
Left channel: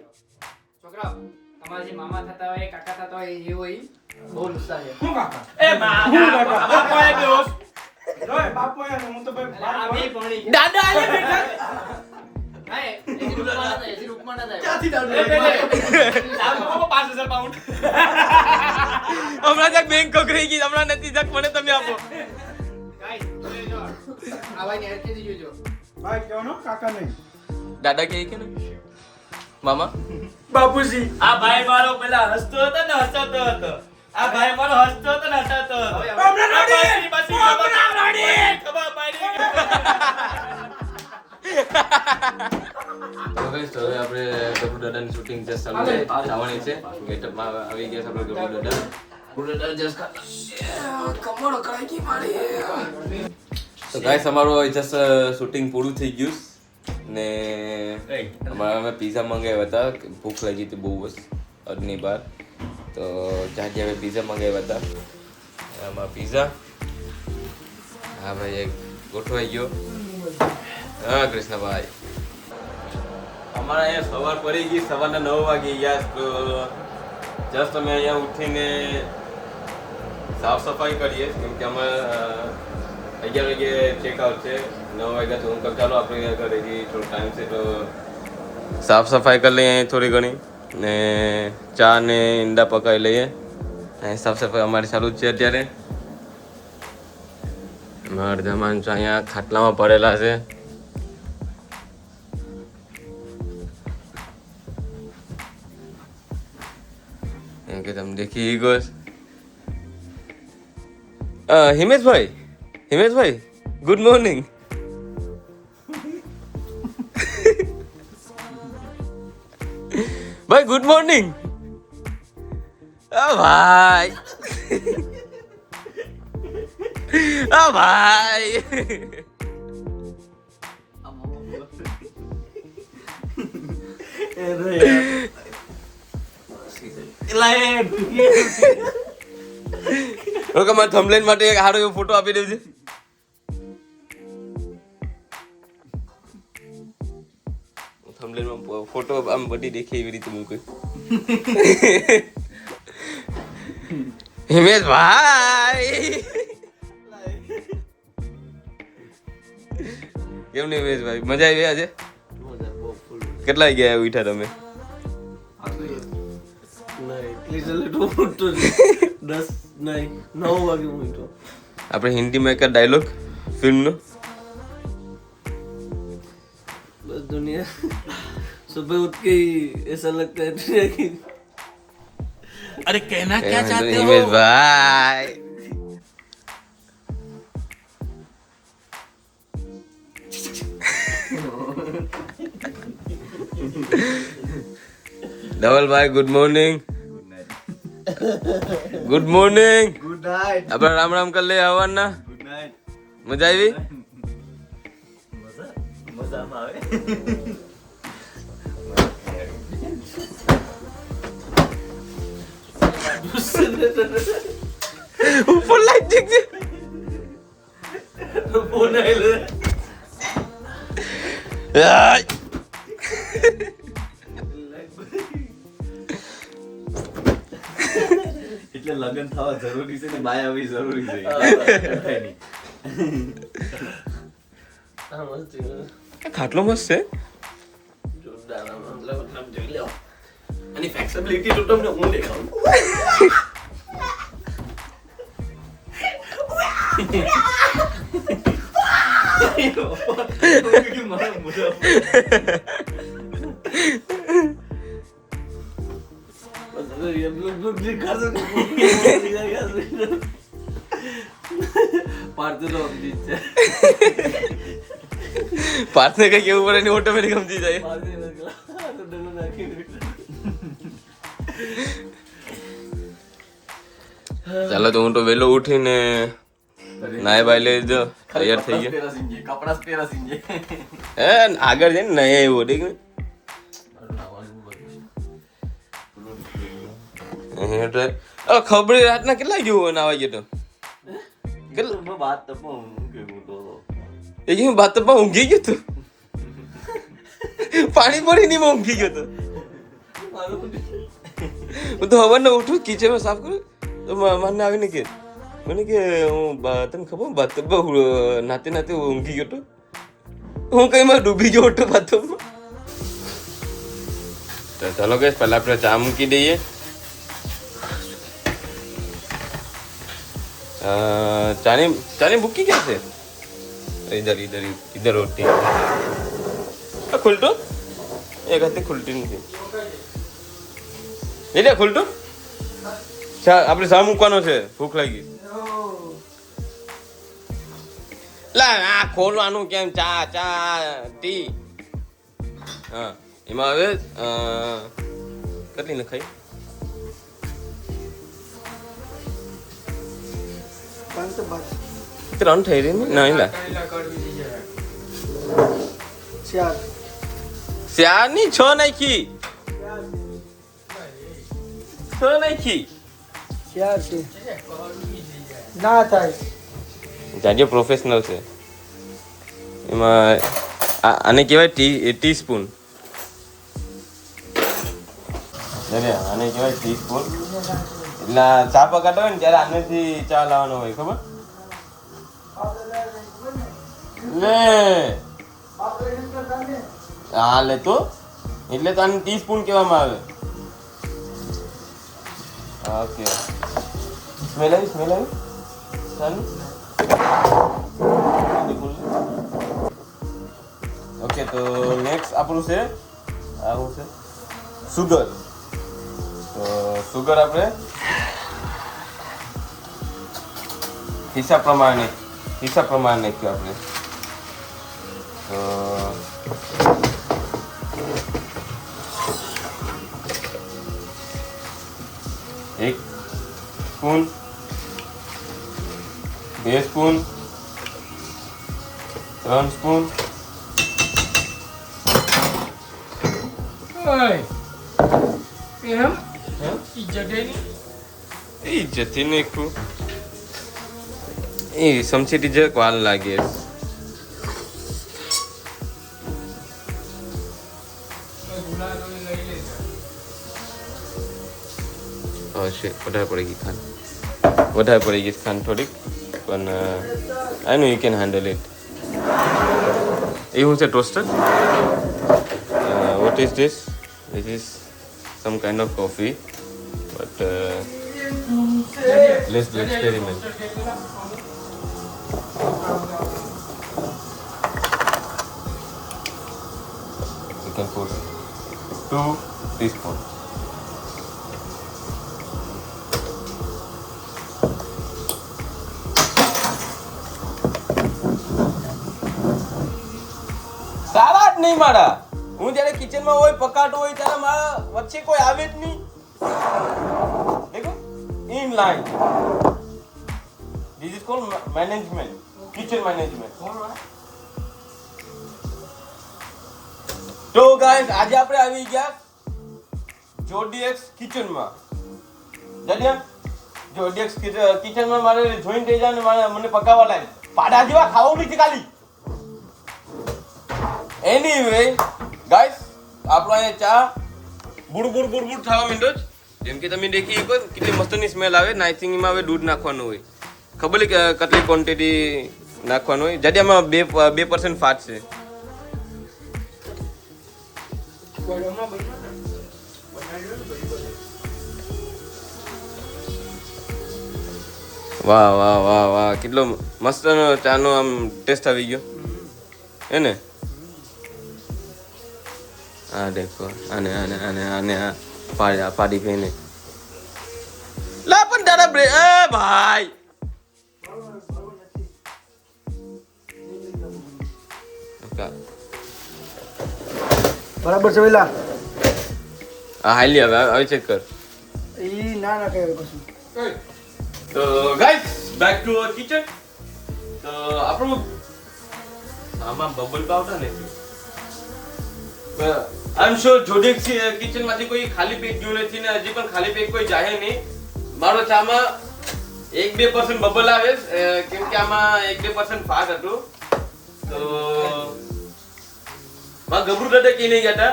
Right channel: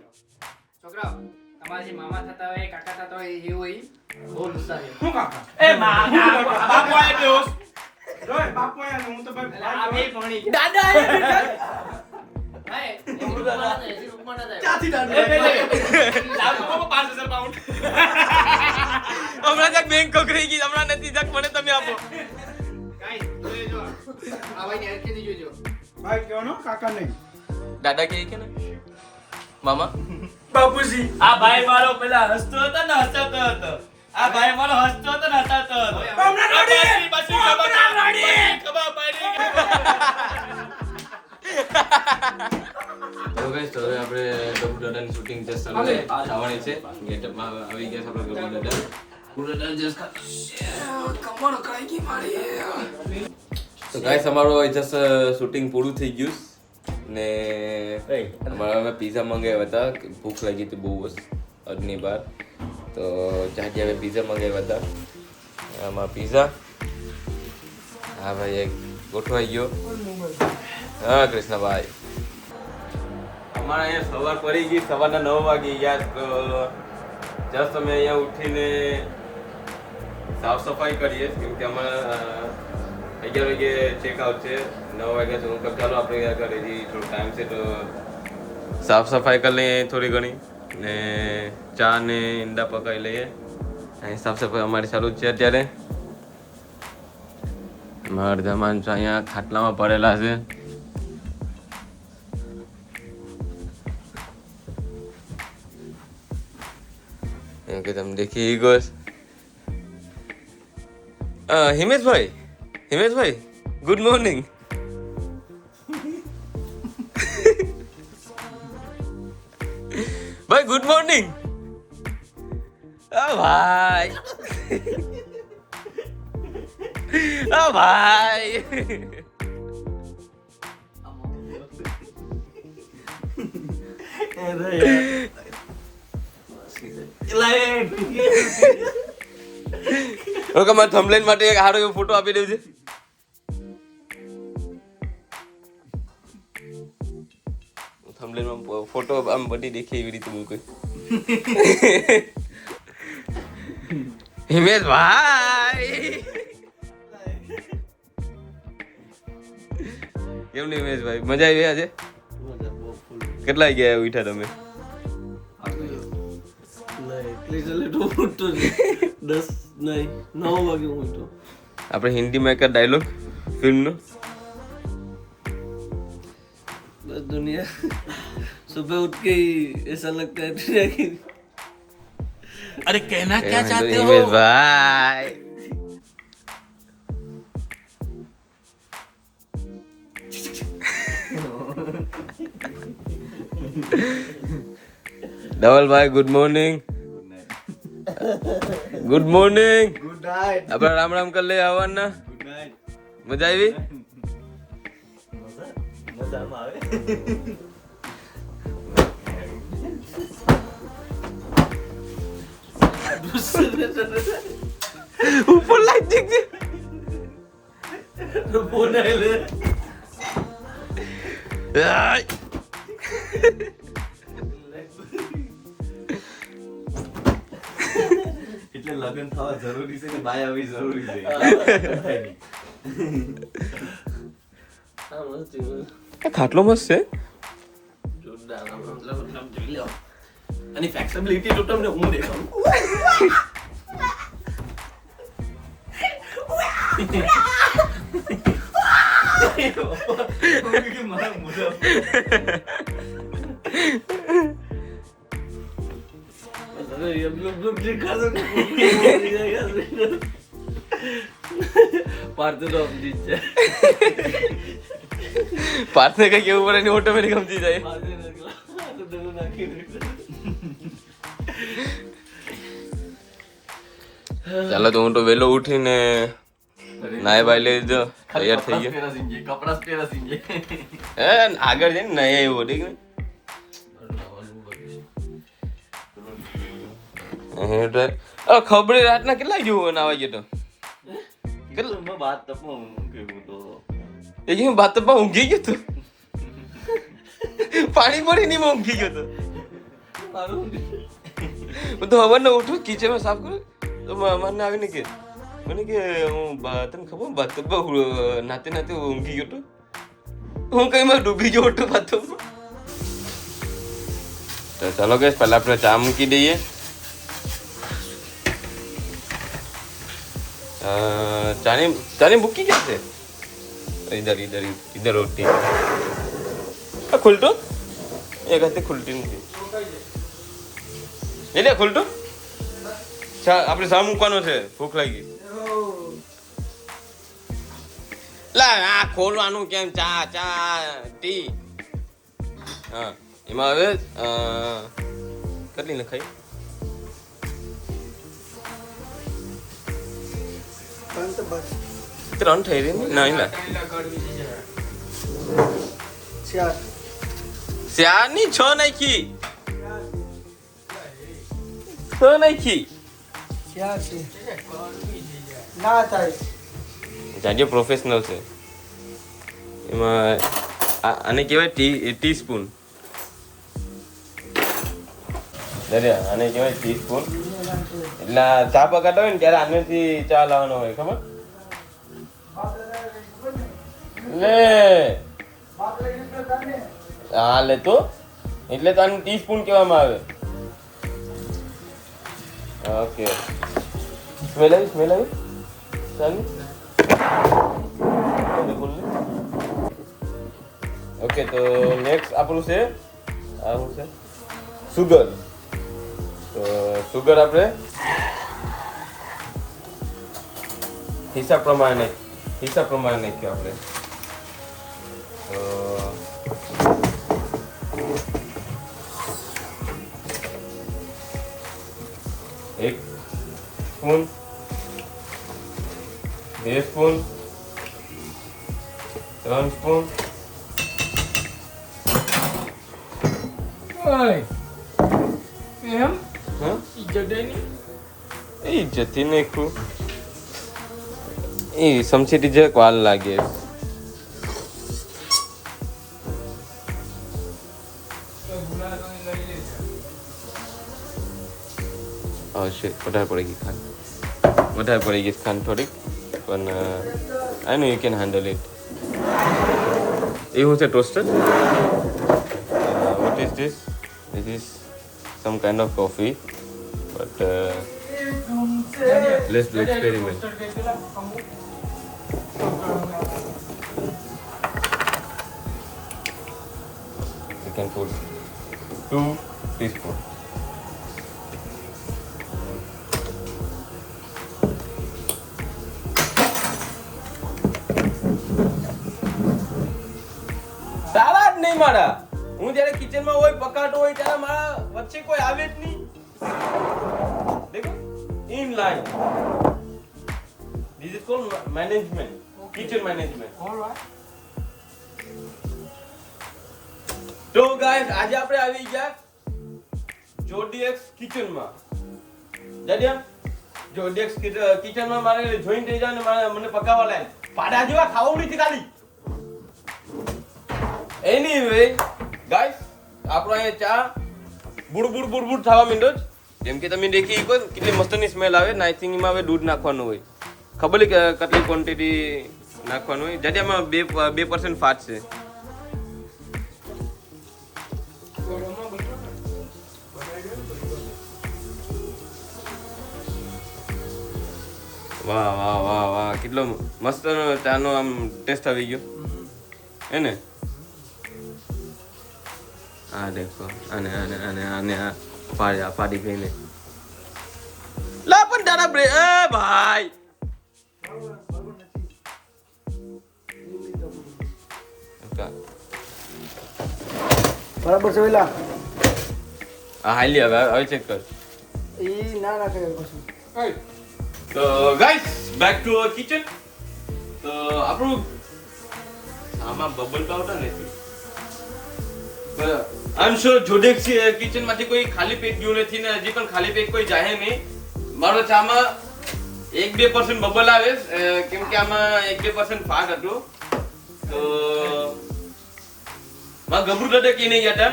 છોકરાઓ તમારા જે મામા થતા હોય કાકા થતા હોય એ હોય બહુ નુકસાન છે શું કાકા એ બાપા એ બેહોશ ઓય બાપો હું તો ભાઈ આ બે પાણી દાદા એ બેઠા ક્યાંથી દાદુ લાગ્યું? હમણાં બેંક કોકરી ગઈ હમણાં નથી જક મને તમે આપો ભાઈ કહેવાનો કાકા નહીં. દાદા કે કે ને મામા બાપુજી આ ભાઈ મારો પેલા હસતો હતો ને હસાતો હતો આ ભાઈ મારો હસતો હતો ને હસાતો હતો પછી ખબર પડી તો ગાઈસ તો હવે આપણે ગબુ દાદાની શૂટિંગ જસ્ટ થવાની છે ગેટઅપમાં આવી ગયા છે આપણે ગબુ દાદા જસ્ટ તો ગાઈસ અમારું જસ્ટ શૂટિંગ પૂરું થઈ ગયું ને અમારા અમે પિઝા મંગાવ્યા હતા ભૂખ લાગી હતી બહુ બસ અડની બાર તો જ્યાંથી હવે પિઝા મંગાવ્યા હતા આમાં પિઝા હા ભાઈ એક ગોઠવાઈ ગયો હા કૃષ્ણભાઈ અમારા અહીંયા સવાર પડી ગઈ સવારના 9 વાગી ગયા તો જસ્ટ અમે અહીંયા ઉઠીને સાફ સફાઈ કરીએ કેમ કે અમે 11 વાગે ચેકઆઉટ છે 9 વાગ્યા તો હું કહું ચાલો આપણે ઘરે જઈએ થોડો ટાઈમ છે તો સાફ સફાઈ કરી લઈએ થોડી ઘણી ને ચા ને ઈંડા પકાવી લઈએ અહીં સાફ સફાઈ અમારી ચાલુ જ છે અત્યારે અડધા માણસો અહીંયા ખાટલામાં પડેલા છે એમ કે તમે દેખી ગયો હિમેશભાઈ ગુડ મોર્નિંગ ભાઈ ગુડ મોર્નિંગ ભાઈ ભાઈ ઓકે મારે થંબનેલ માટે એક સારો એવો ફોટો આપી દેજો થંબનેલમાં ફોટો આમ બધી દેખે એવી રીતે મૂકે હિમેશ ભાઈ કેમ નહીં હિમેશ ભાઈ મજા આવી આજે કેટલા ગયા ઉઠ્યા તમે આપણે હિન્દીમાં એક ડાયલોગ ફિલ્મનો बस दुनिया सुबह उठ के ही ऐसा लगता है कि अरे कहना क्या चाहते हो હિમેશ ભાઈ ધવલભાઈ good morning good morning good night. આપણે રામ રામ કરી લઈએ હવાના ગુડ નાઇટ. મજા આવી મજામાં આવે. ઉપર લાઈટ દેખ फोन आए ले એટલે લગન થવા જરૂરી છે ને બાય આવી જરૂરી છે. ખાટલો મસ્ત છે जोरदार मतलब જોઈ લો અને ફ્લેક્સિબિલિટી તો તમને હું દેખાડું મારા મોઢા हम लोग लिखा तो पार्थ तो अब जीत जाए પાર્થને કઈ કેવું પડે નહીં ઓટોમેટિક સમજી જાય पार्थ ने निकला तो दोनों नाकी ચાલો તો હું તો વહેલો ઉઠીને નાય બાય લઈ જો તૈયાર થઈ ગયો तेरा सिंह कपड़ा तेरा सिंह હે આગળ જઈને નહીં આવ્યો ઠીક ને ખબરી રાતના કેટલા ગયું નાવા ગયો તો કેટલા मैं बात तब में तो એ કે બાત પર ઊંઘી ગયો તો પાણી પડી નહીં ઊંઘી ગયો તો હું તો હવારના ઉઠું કિચનમાં સાફ કરું તો મને આવીને કે મને કે હું તને ખબર બાથટબમાં નાતે નાતે ઊંઘી ગયો તો હું કઈ માં ડૂબી ગયો હતો બાથટબમાં તો ચાલો ગેસ પહેલા આપણે ચા મૂકી દઈએ. ચાની મૂકી ક્યાં છે? इधर इधर इधर होती है. खुलटू एक हाथे खुलती નથી. એટલે ખુલટું ચા આપણે ચા મૂકવાનો છે, ભૂખ લાગી. લા આ ખોલવાનું કેમ? ચા ટી. હા એમાં હવે કેટલી નખાઈ? 3 થઈ રહી ને? ના એલા 4 ની 6 નાખી. 6 નાખી. જાજો પ્રોફેશનલ છે એમાં. આને કહેવાય ટી સ્પૂન. આને કહેવાય ટી સ્પૂન. એટલે ચા પકાડો હોય ને ત્યારે આનેથી ચા લાવવાનો હોય, ખબર ને? હા લે તો એટલે તો આને ટી સ્પૂન કહેવામાં આવે. ઓકે સ્મેલ આવી ચાલુ. ઓકે તો નેક્સ્ટ આપણું છે આવું છે સુગર. તો સુગર આપણે હિસાબ પ્રમાણે નાખ્યું આપણે. એક સ્પૂન, 2 સ્પૂન, 3 સ્પૂન. ઇજ્જતથી નાખ્યું. એ સમસીટી જરાક વાર લાગે. હશે વધારે પડી ગઈ ખાંડ થોડીક, પણ આઈ નો યુ કેન હેન્ડલ ઇટ. એ હું છે toaster. What is this? This is some kind of coffee, but let's do experiment. You can put 2 teaspoons. સારા જ નહીં મારા. હું જ્યારે કિચનમાં હોય પકાતો હોય ત્યારે મારા વચ્ચે કોઈ આવે જ નહીં. દેખો in line. This is called management, kitchen management. તો ગાઈસ આજે આપણે આવી ગયા જોડીએક્સ કિચનમાં. જાડિયા જોડીએક્સ કિચનમાં મારે જોઈન થઈ જાય ને મને પકાવવા લાગે. પાડા જેવા ખાવું નથી ખાલી. એનીવે ગાઈસ આપણો અહીંયા ચા બુડ થવા માંડ્યો છે. જેમ કે તમે દેખી શકો કેટલી મસ્તની સ્મેલ આવે ને. આઈ થિંક એમાં હવે દૂધ નાખવાનું હોય. ખબર કે કેટલી ક્વોન્ટિટી નાખવાનું હોય. જાડિયામાં 2% ફાટ છે. વાહ કેટલો મસ્ત ચાનો આમ ટેસ્ટ આવી ગયો હે ને. હા દેખો આને પાડી ગઈને લા પણ તારા બ્રે એ ભાઈ બરાબર છે વેલા. હા હાલી હવે ચેક કર. ઈ ના કે કશું. તો guys back to our kitchen. તો આપણું આમાં બબલ પાવડર નથી. આઈ એમ શ્યોર જોડેક્સ કિચન માંથી કોઈ ખાલી પેક ગયું નથી ને હજી પણ ખાલી પેક કોઈ જાહે નહીં. મારો ચામાં 1-2% બબલ આવે કેમ કે આમાં 1-2% ફાટ હતું. તો માં ગબરું દાદા કહીને ગયા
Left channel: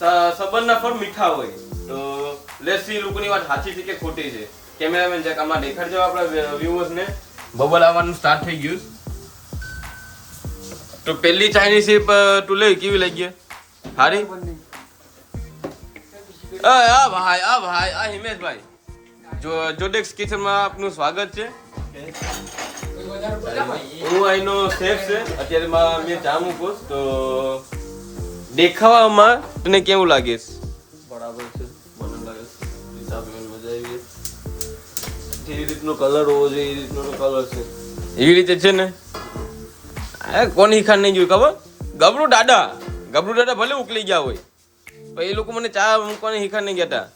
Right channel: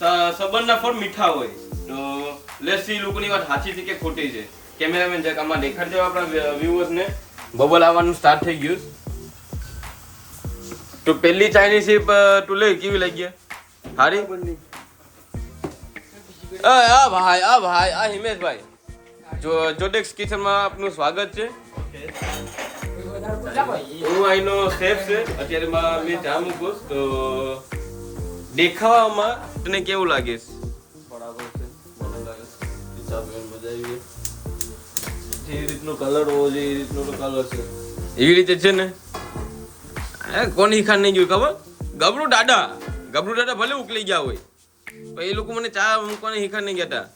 હતા સબરના ફળ મીઠા હોય. તો લેટ્સ સી લોકોની વાત સાચી છે કે ખોટી છે. કેમેરામેન જક આમાં દેખાડજો આપણા વ્યુઅર્સ ને. બબલ આવવાનું સ્ટાર્ટ થઈ ગયું. તો પહેલી ચાઇનીઝ તું લે કેવી લાગી? સારી આ હિમેશભાઈ જોડેક્સ કિચનમાં આપનું સ્વાગત છે. હું અહીંનો શેફ છે. અત્યારે મેં ચા મૂકું તો દેખાવામાં તને કેવું લાગે? બરાબર છે, મને લાગે છે હિસાબે મજા આવી. જે રીતનો કલર હોવો જોઈએ એ રીતનો કલર છે. એવી રીતે છે ને. કોની ખાન નહીં જોયું ખબર? ગબરું દાદા ભલે ઉકલી ગયા હોય પણ એ લોકો મને ચા મૂકવાની હિખાન નહીં ગયા.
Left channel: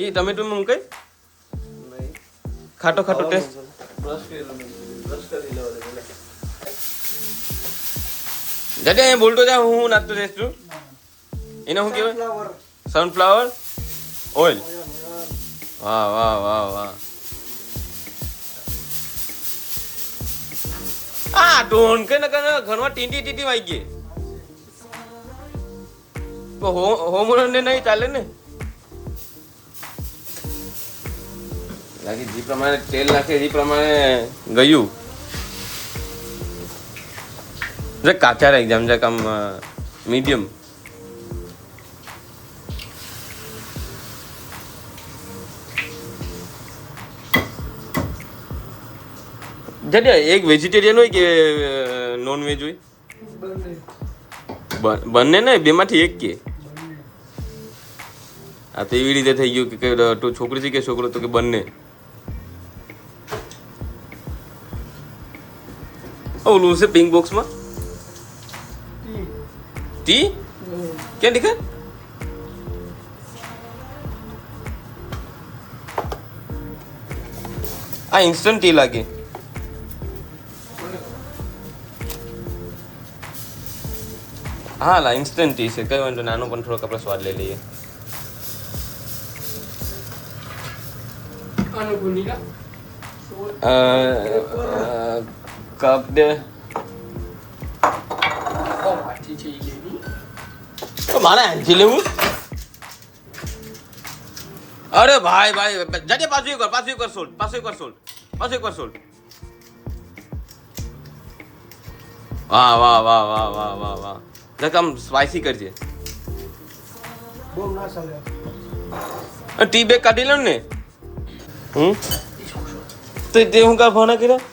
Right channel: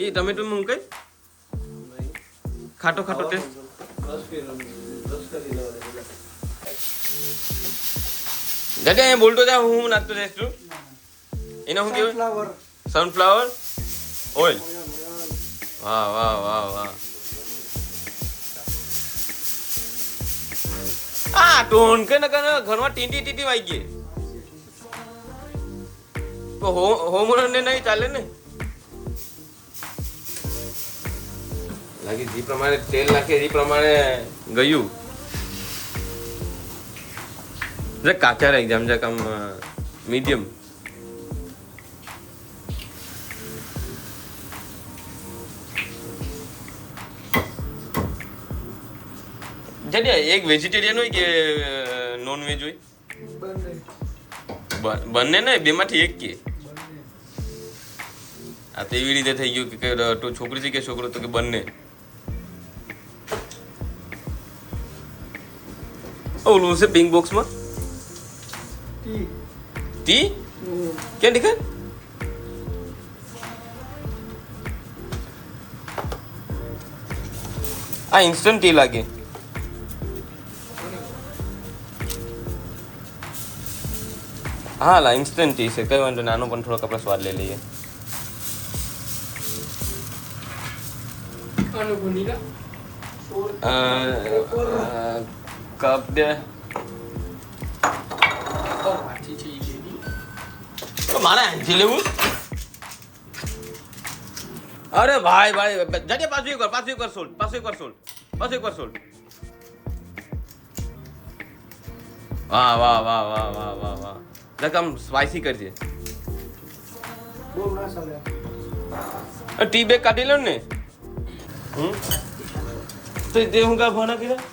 એ ટમેટો મૂકે ખાટો ટેસ્ટ. દાદા એ બોલતો જા, હું નાખતો જઈશ છું. એને શું કહેવાય? Sunflower oil. વાહ. ટોન કે ઘરમાં ટીટી વાઈ ગઈ તો હોમ ને નહીં ચાલે ને. લાગે જે પ્રમાણે તેલ નાખે એ પ્રમાણે ગયું. કાચા એક્ઝામ છે કામ મીડિયમ. એક વેજીટેરિયન હોય કે નોન વેજ હોય? બંને ને બેમાંથી એક કે? આ તો એવી રીતે થઈ ગયું કે તું છોકરી છે કે છોકરો તો કે બંને. ઓલું છે પિંક બોક્સમાં ટી ક્યાં દેખાય? આ ઇન્સ્ટન્ટ ટી લાગે. હા લા ઇન્સ્ટન્ટ ટી છે, કઈ વાંધો નાનો પણ થોડોક આપણે સ્વાદ લઈ લઈએ. કપ દે. મારા હાથી લેવું? અરે ભાઈ જાજે પાછું એક વાર સોલ્ટ. વાહ. આમ સ્પાઈસી કરજે. ટી બેગ કાઢી લો ને. તો તે હું કા ભાના કર્યા?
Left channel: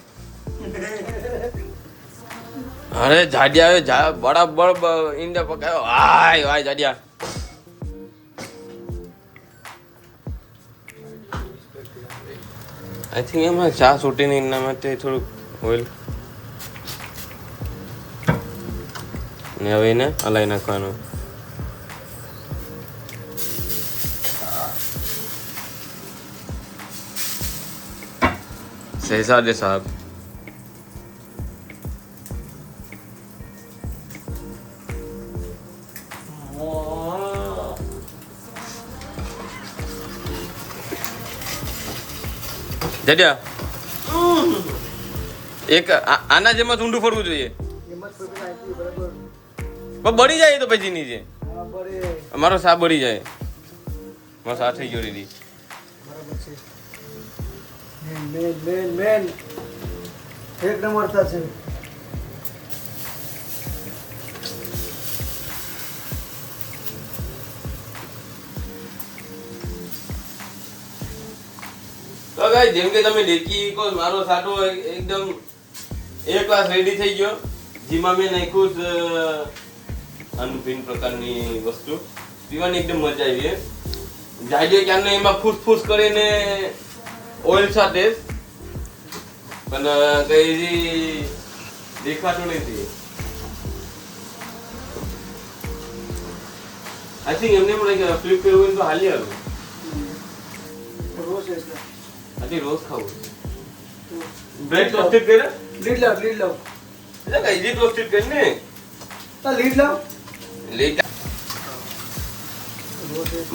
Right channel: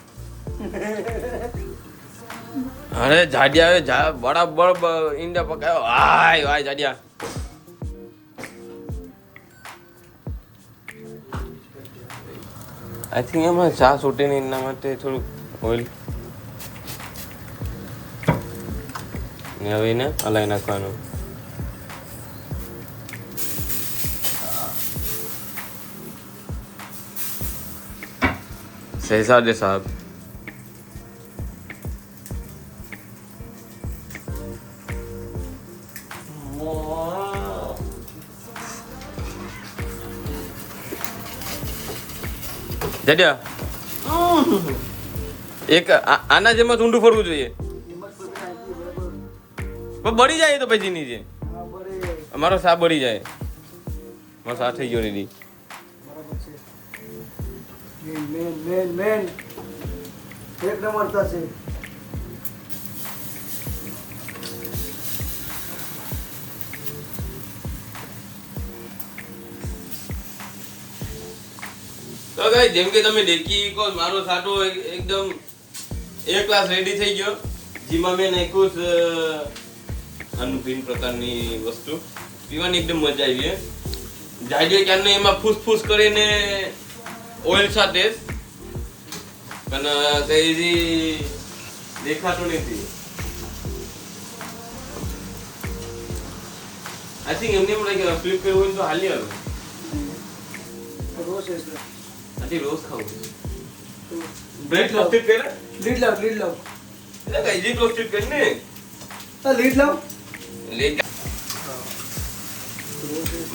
અરે જાડિયા બરાબર ઈંડા પકાયો. વાય જાડિયા. આઈ થિંક એમાં ચા છૂટે ને એના માટે થોડુંક ઓઇલ ને હવે એને હલાવી નાખવાનું. શહેજાદે સાહેબ જડ્યા એક આના જેમ જ ઊંડું ફરવું જોઈએ. બળી જાય તો પછી નીચે મારો સા બળી જાય. મારો સા થઈ ગયો રેડી. મેન એક નંબર છે. તો ગાઈસ જેમ કે તમે દેખી કો મારો સાટો એકદમ એક ક્લાસ રેડી થઈ ગયો. જેમાં મેં નાખ્યું છે અનભિન્ન પ્રકારની વસ્તુ પીવાની એકદમ મજા આવી. જાજે ક્યારને એમાં ફૂસ કરીને ઓઇલ સાથે પણ કઈ દેખાતું નથી. આઈ થિંક એમને પણ ફ્લિપ કરવું હોય તો હાલી આવે. આથી રોજ ખાવું. બ્રેડ ટોસ્ટેડ કરે લીડ લાવ એટલે કઈ જી ટોસ્ટેડ કરીને લીડ લાવ.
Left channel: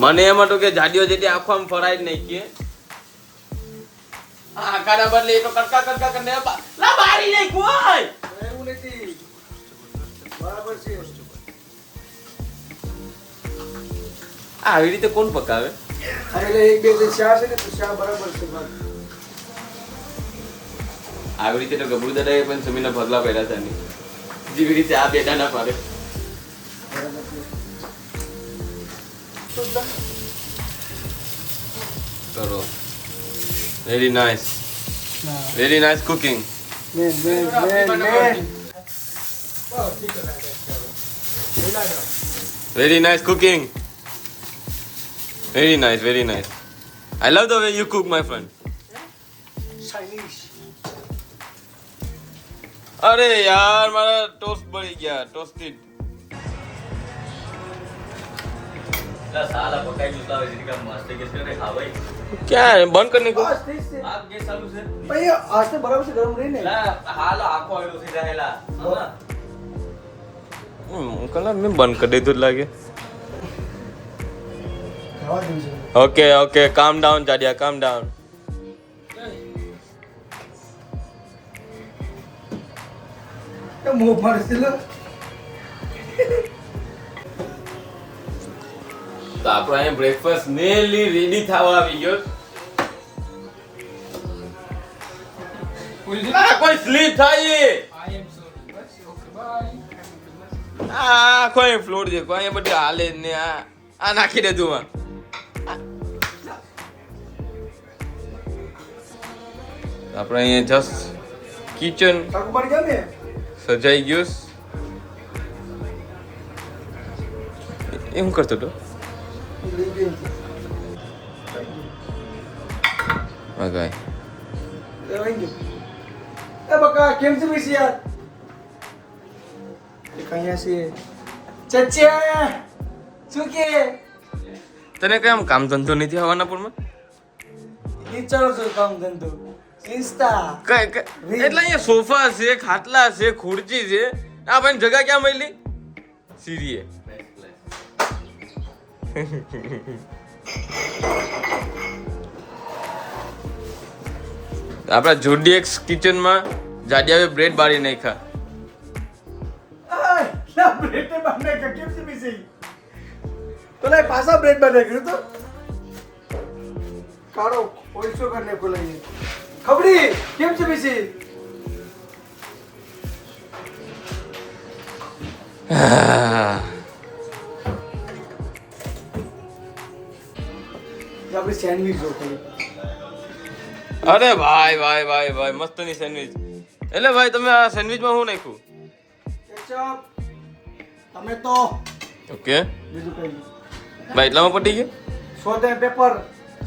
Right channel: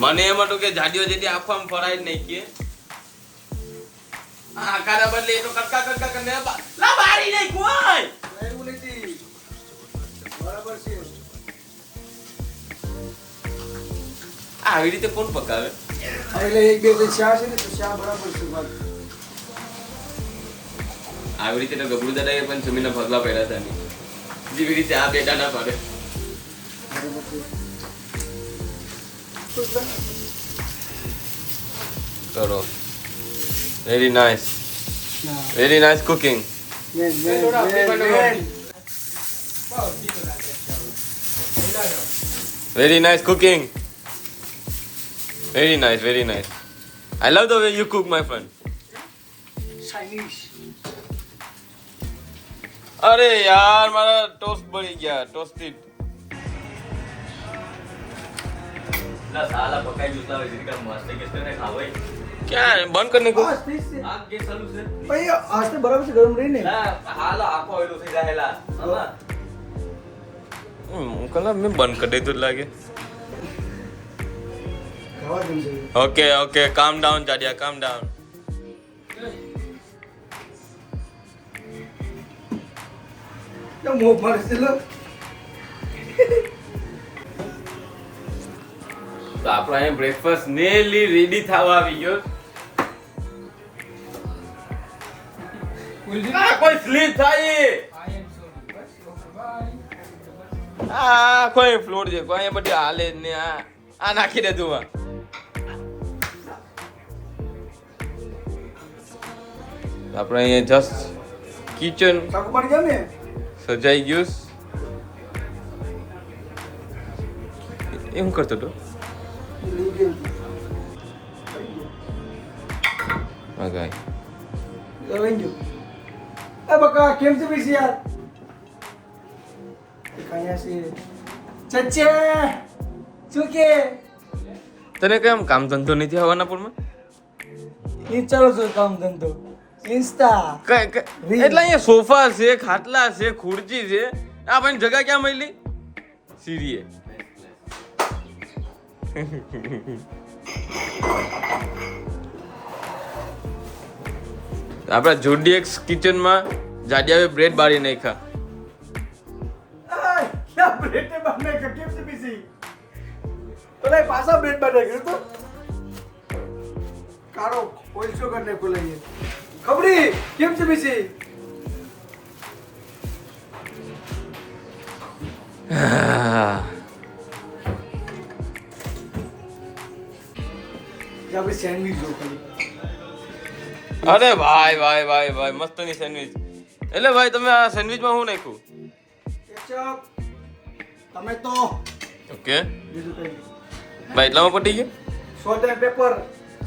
મને એમાં તો કે જાડીઓ જેથી આખો આમ ફરાઈ જ નહીં કે આકાના બદલે એ તો કટકા કરીને લા બારી નહીં કોઈ એવું નથી. બરાબર છે. આવી રીતે કોણ પકાવે? એટલે એક બે જે ચા છે ને તો ચા બરાબર છે. આવી રીતે તો ગબડુ દાદાએ પણ જમીનના ભાગલા પહેર્યા હતા ને જેવી રીતે આ બેડા ના પાડે. કરો. Very nice, very nice cooking. Man Very nice cooking. Very nice, very nice. I love the way you cook, my friend. Chinese. अरे यार मारा टोस्ट बड़ी गया, टोस्टेड. क्या है बंद करने को? ભાઈ આજ તો બરાબર છે ગરમ રહી ને. कल मैं बंद कर दे तो लगे. ખાવા દઉં છે. Okay, okay, calm down, Jadia, calm down. મોં મારે લો. તો આપણો અહીંયા બ્રેકફાસ્ટ નેલી રેડી થવા આવી ગયો. કોઈ સ્લીપ થાય કોઈ ફ્લોર છે કોઈ બધી હાલે જ ને આ નાખી દે તું આપણે અહીંયા જસ્ટ કિચન શાક પડી જાય ને. સજાઈ ગયું. એમ કરતો તો લઈ ગયો છે. મગાય લઈ ગયો. એ બકા કેમ છે બીસી યાર? કહીયા છે ચચ્ચે શું કે તને કેમ કામ ધંધો નથી હવાનાપુરમાં? ઈ ચાલો છો કામ ધંધો ઇન્સ્ટા એટલે અહીંયા સોફા છે, ખાટલા છે, ખુરચી છે. આ ભાઈ જગા ક્યાં મળી? સીરીએ આપણા જોડીએક્સ કિચનમાં જાડિયાએ બ્રેડ બાળી નાખ્યા. क्या ब्रेड बनने का केम से बीसी तो नहीं पासा ब्रेड बने कर तो कारो ओइसो करने को लगी खबरी केम से बीसी जब सैंडविच हो कल અરે ભાઈ ભાઈ ભાઈ ભાઈ મસ્તની સેન્ડવિચ. એટલે ભાઈ તમે આ સેન્ડવિચમાં શું નાખ્યું? केचप टमेटो ઓકે બીજું કઈ ભાઈ એટલામાં પટી ગયું. Salt and paper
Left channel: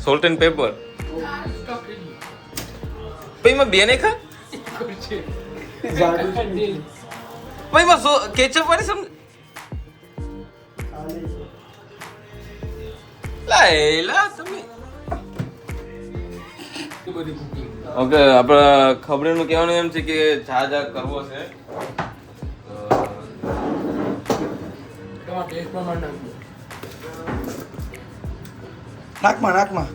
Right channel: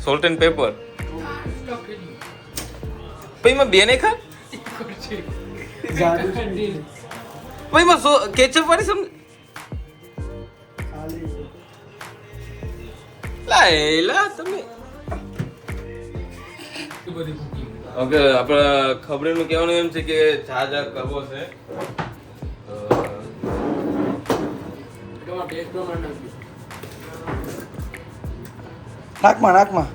salt and paper પછી એમાં બે નાખ્યા. જાડુ પછી એમાં કેચઅપ વાળી સમ આલી લાયલા તમે. ઓકે આપણા ખબરીનું કહેવાનું એમ છે કે ચા કરવો છે. નાકમાં નાકમાં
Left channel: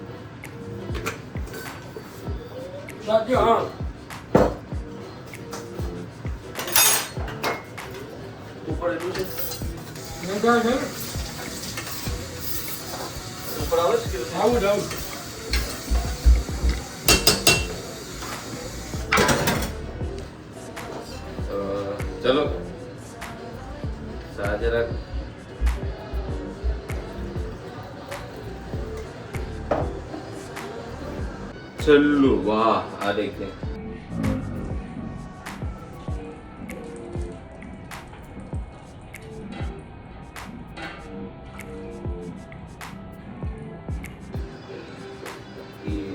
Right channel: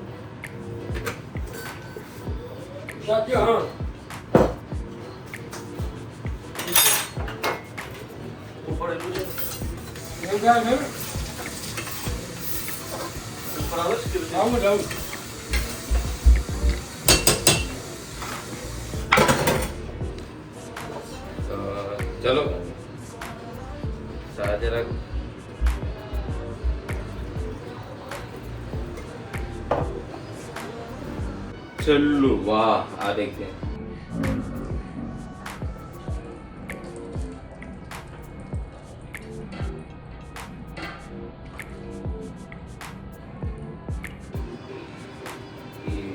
ચલો ચા જરા चलो वाह आ देखिए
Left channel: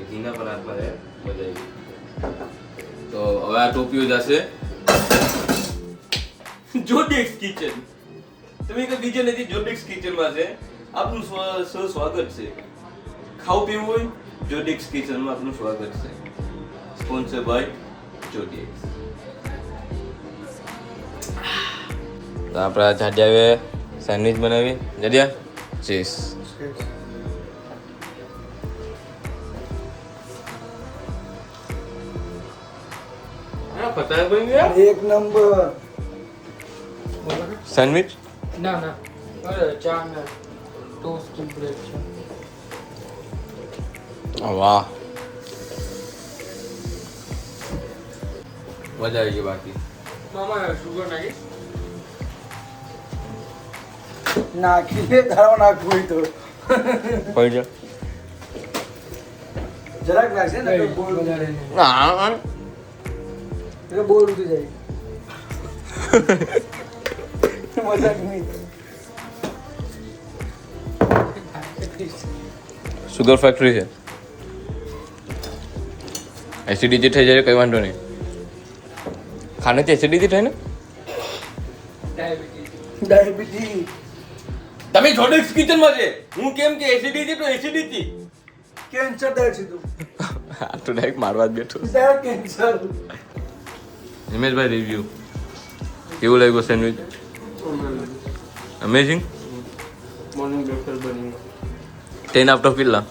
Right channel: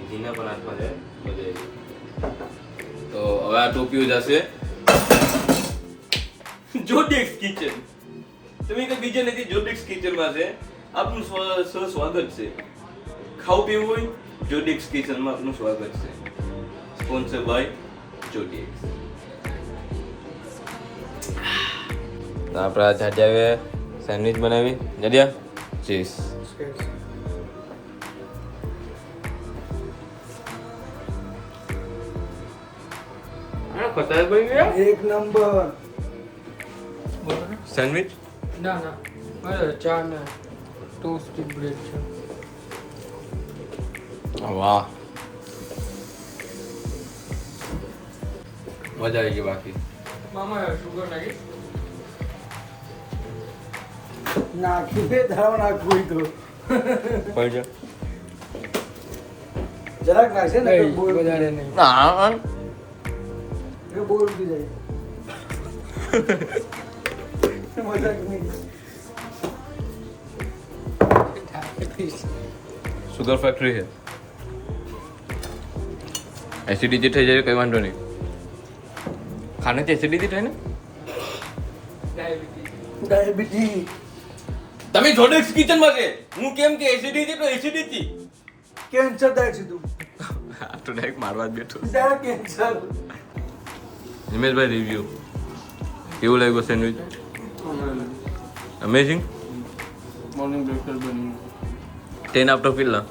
જીના પર આંખમાં છે મજા આવી. તો હવે આ ટોપીઓ જશે જોડેક્સ કિચન. તમે કઈ બીજે નથી, જોડેક્સ કિચનમાં છે. આપનું સ્વાગત છે. ખાવું પીવું હોય જોડેક્સ કિચનમાં આપનું સ્વાગત છે. Sponsor by Jodex. તો આપણા જાડિયાએ સેન્ડવિચ બનાવી. જાડિયા ચીઝ ખતરનાક બની ગયા. એક નંબર સેન્ડવિચ ના ના બરાબર ચા ને ટોસ્ટેડ બ્રેડ છે. વાહ મજા આવી ગઈ. બાકી મામા સુગર નાખી નાખી દે ધારો નાખવું હોય તો કોઈ છે જરાક રાખશે ને તો બોલ વધારે નહીં. હા એટલે બોલ ઉઠી જાય મજાક નહીં સુગર ફેક્ટરી છે એસિડિટી થઈ જાય કઈ વાંધો નહીં ખાનેથી એસિડિટી થાય ને ડાયાબિટીસ તમે જોડે કિચનમાં છે હું કેમ કે એસિડિટી તો એસિડિટી કેન્સર થાય સીધું હા તો ડાયરેક્ટ મારવા જ બેઠો ડાયરેક્ટ કેન્સર હિમેશભાઈ રિવ્યુ કેવું લાગ્યું સેન્ડવિચ અમેઝિંગ મોર્નિંગ બ્રેકફાસ્ટ બની 10 આઉટ ઓફ કેટલા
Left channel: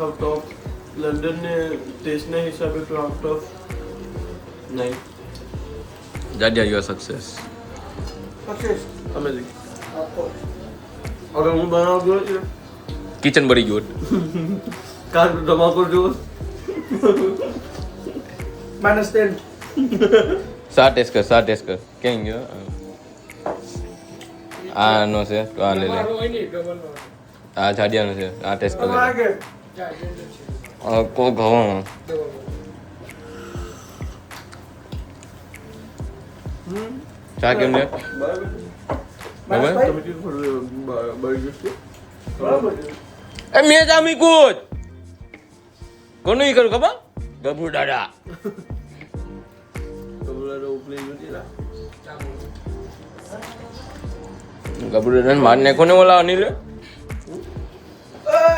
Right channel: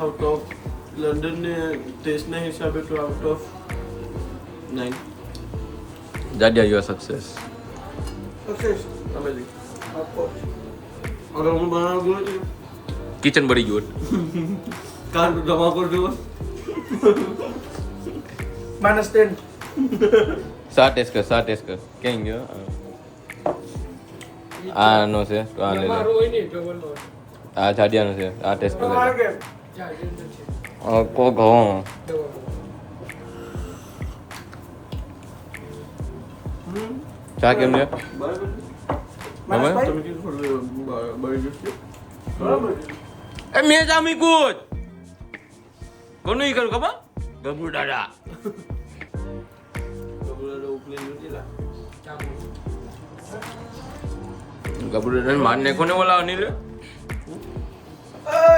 આઉટ ઓફ લંડન ને ટેસ્ટના હિસાબે તો આઉટ ઓફ 9 જાડિયા યુ આર સક્સેસ સક્સેસ તમે જી અરે હું બનાવ ગયો છે કિચન બળી ગયું કાન ધમાકો જો -10 સા ટેસ્ટ કર કેમ ગયો આ નો છે તો આ લે લે મારું હોય નહીં, ડબલનો હોય. આ જાડિયાનો છે આ ટેસ્ટ કરી લે ચાર્જરનો છે. કો ઘઉં ડબલનો. ચા કેમ છે બરાબર બરાબર તમે કીધું થોડું બળી ગયું છે બરાબર એ મેં જામી કૂદ કોનું ઈ કરું ખબર ગબુ દાદા બોલા ઉપલી નથી લા ગબુ દાદા માર ને કોને ઓલા અનિલ ઓય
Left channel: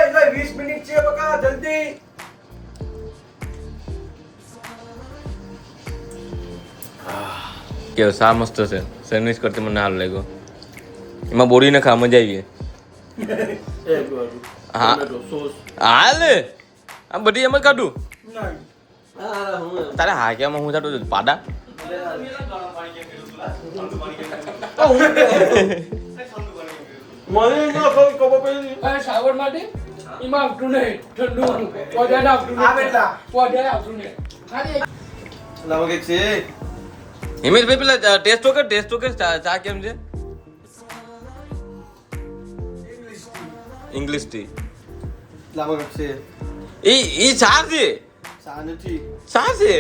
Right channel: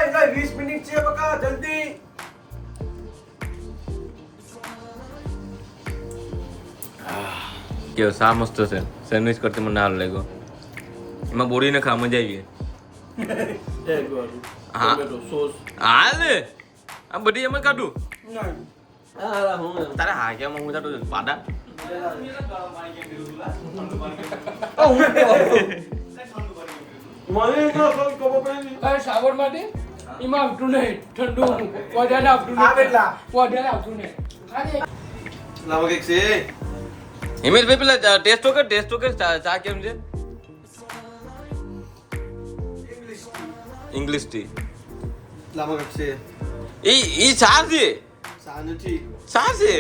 એટલે 20 મિનિટ છે બકા જલ્દી કેવો સા મસ્ત છે સેન્ડવિચ કરતી મને હાલ લાગ્યો એમાં બોરીને ખા મજા આવી એક વાળું હા. ટોમેટો સોસ હાલ આ બધી એમ જ કાઢું નહીં હા હું તારે હા કેમાં હું જાતો પાડા મને તો ખબર પડી હવે શ્રાવણ માટે એમાં આવતું નહીં, ઠંડુ વધારે આવતું નહીં. આવેલા. વધારે આવતું નહીં. ખાલી લાવો કે છે હિમેશભાઈ પેલા ટેસ્ટ તો કર ચા કેમ છે ઇંગ્લિશ ટી લાવો કે છે ઈ ચા છે સા નથી ચા છે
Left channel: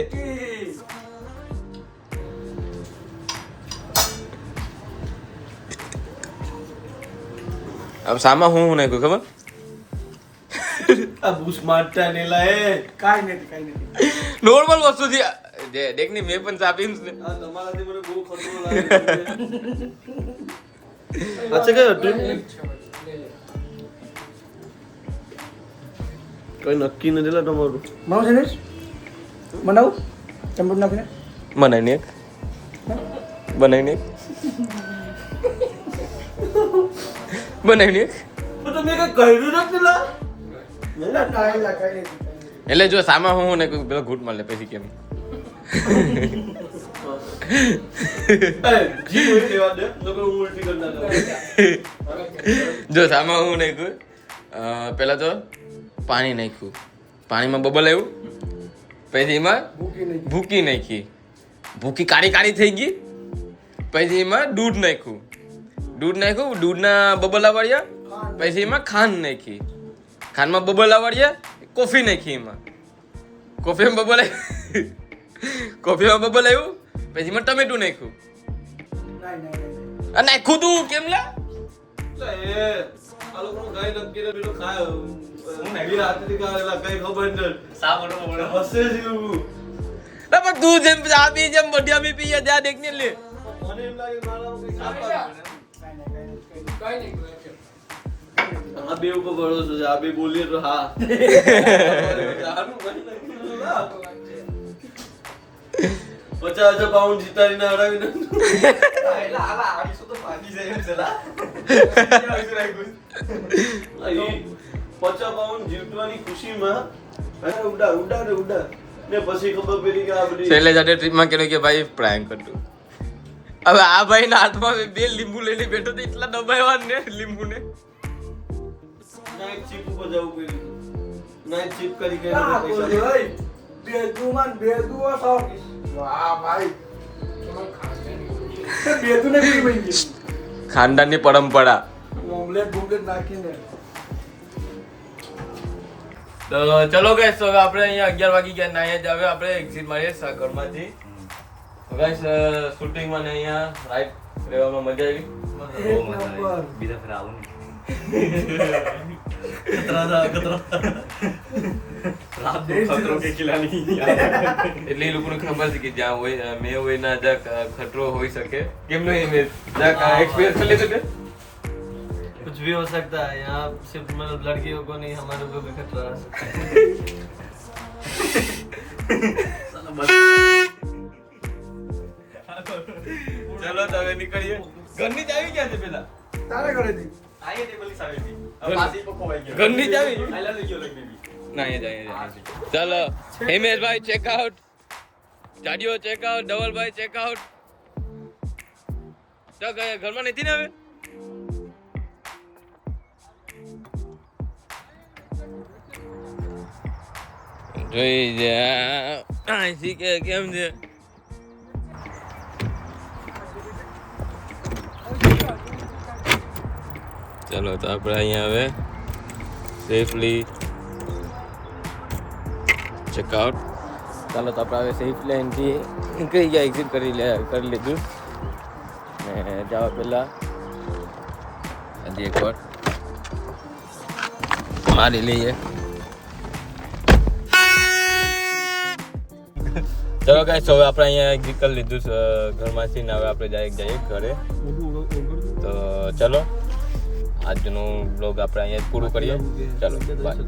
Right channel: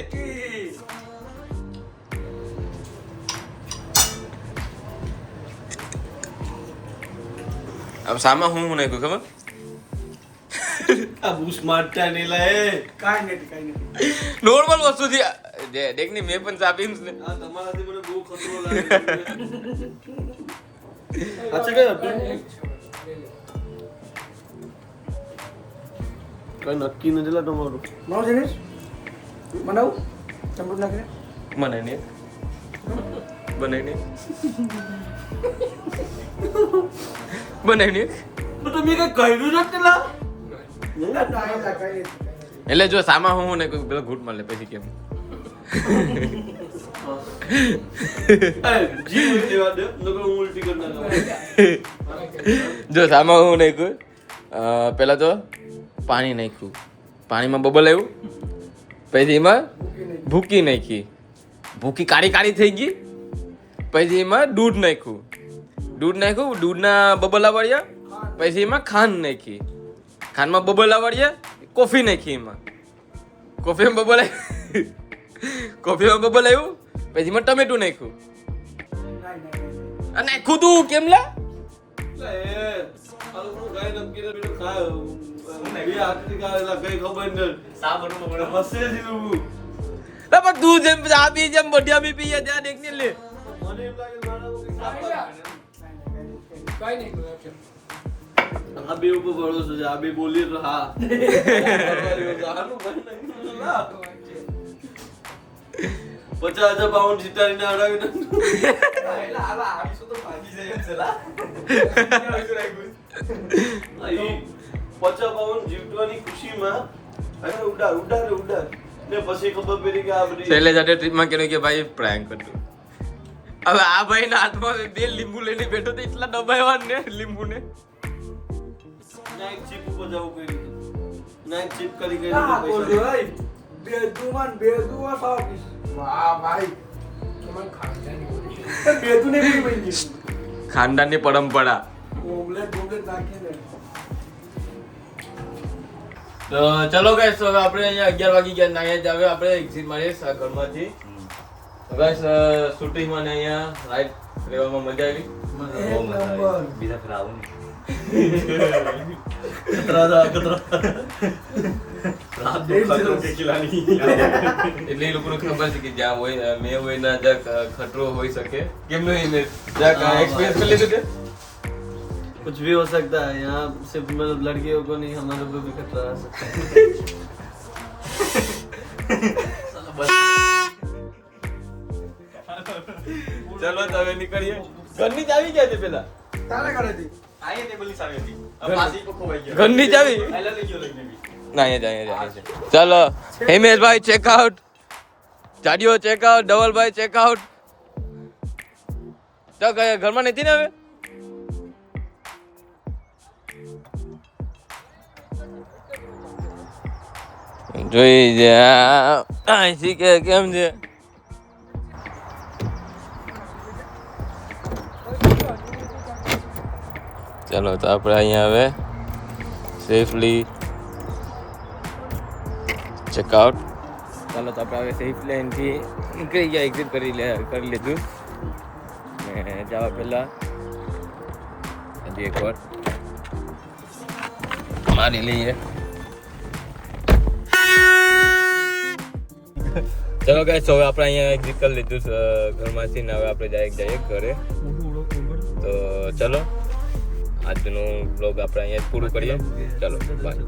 अब सामा हूँ नहीं कोई खबर આ બુશ મારતા ને લાય કાંઈ નથી नॉर्मल वस्तु थी देख नहीं मैं पण चापीन ने આ તમારાથી મને બહુ ખતરો લાગે અચ્છા કે હતું કઈ નક્કી નથી લા તમારું મારું સેન્ડવિચ બનાવું ચંપુર નાખીને बनाई नहीं बनाई नहीं બનાવી ને તો તમે કઈ કહ્યું નથી લા કાંઈ નથી એટલે જો સામા હું ને કોઈ પેલો ઘૂંટ માર લે પછી કેમ જી લેવા દે નકર હું ઉલટી કરી નાખું જો સામા હું નહીં કોઈ પેલા તો પાણી નાખ્યું પાણીમાં બબલ આવ્યું પછી એમાં ભૂકી નાખી ભૂકી કાળી કાળી થઈ ગઈ પછી એમાં દૂધ નાખ્યું દૂધના બબલા વાળ્યા પછી એમાં ખાંડ નાખી ખાંડમાં બબલા વાળ્યા કોફી નાખી એમાં કોફીમાં બબલ આવ્યું પછી એમાં ટમેટું નાખ્યું આ નાખ્યું તું કેમ લા પણ તું જેમ આપી જેમ બઢિયા બી પીએ ત્યાં દેખ ને લે કઈ નહીં કોઈ છે. આ બે ઉપર ભરોસો છે આ બે બોલીએ તો હા £50,000 જીતાડીને હરાવી £50 જીતવાની ખુશીમાં ઉડા ને પછી ખબર પડી કે આ બધી છેલ્લે જાતે ટ્રીપમાં કેનું કે ભાઈ પ્રેન્ક હતું હવે આ ભાઈ ના હાથમાં બે લીંબુ લઈને બેઠો તો એટલા દબાવ્યા ને લીંબુ ને નાઈટ ચીપ ઉપર જવું પડ્યું નાઈટ ચીપ કરી ના પૈસા બોલ ભાઈ બેદુમાન બેદુઆ સાવ પીસ વાહ ભાઈ બેદુ ને બી બની ખાનદાનની પરંપરા ઓમલેટ બોમલેટ નાખીને તો ચલો ગાઈસ, તો હવે આપણે અહીંયા 11 વાગી ગયા ને અહીંયા જ હવે આપણે એક્ઝિટ મારીએ આ ઘરમાંથી. ગાઈસ શૂટિંગમાં ને અહીંયા રાઈડ રહેવામાં મજા આવી. બહુ મજા આવી. બીજા ફેર આવું ખતરો કે ખિલાડી. એટલે એ લોકોને ખબર છે કે જ્યાં હોય મેં હોય ના જ્યાં ખતરો હોઈ શકે. કેમનો ઇમેજ જ્યાં એક્સપિરિયન્સ કરી લીધું કે कुछ भी हो सकता है यहाँ, सिर्फ मतलब लड़कियों को नहीं हमारे को भी खतरा आ सकता है. ચલો તો હવે નીકળીએ. ઘરની ચાવી ક્યાં છે પેલા? તારે ઘરેથી ઘરની ચાવી ના અહીંયા છે. ચલો હિમેશભાઈ ચેકઆઉટ, જાડિયો ચેકઆઉટ, ધવલભાઈ ચેકઆઉટ. તો ઘરમાં નથી ને હવે? જોઈ અહીંથી કે કેમ છે? ચલો તો આપણે અહીંયા હવે સેફલી ચેકઆઉટ. ચાલો તો આપણે હવે સેફલી અહીંથી નીકળી ગયા, એક્ઝિટ કરી લીધું ને જવા પહેલાં હજી એક વાર મારી લઈએ. ચલો ગાઈસ, હવે આપણે અહીંયા એક્ઝિટ કરી લીધું ઘરમાંથી ને હવે આપણે જઈએ ઘરે. તો ચલો આજનું બ્લોગ આપણે અહીંયા પૂરું કરીએ. ચલો બાય.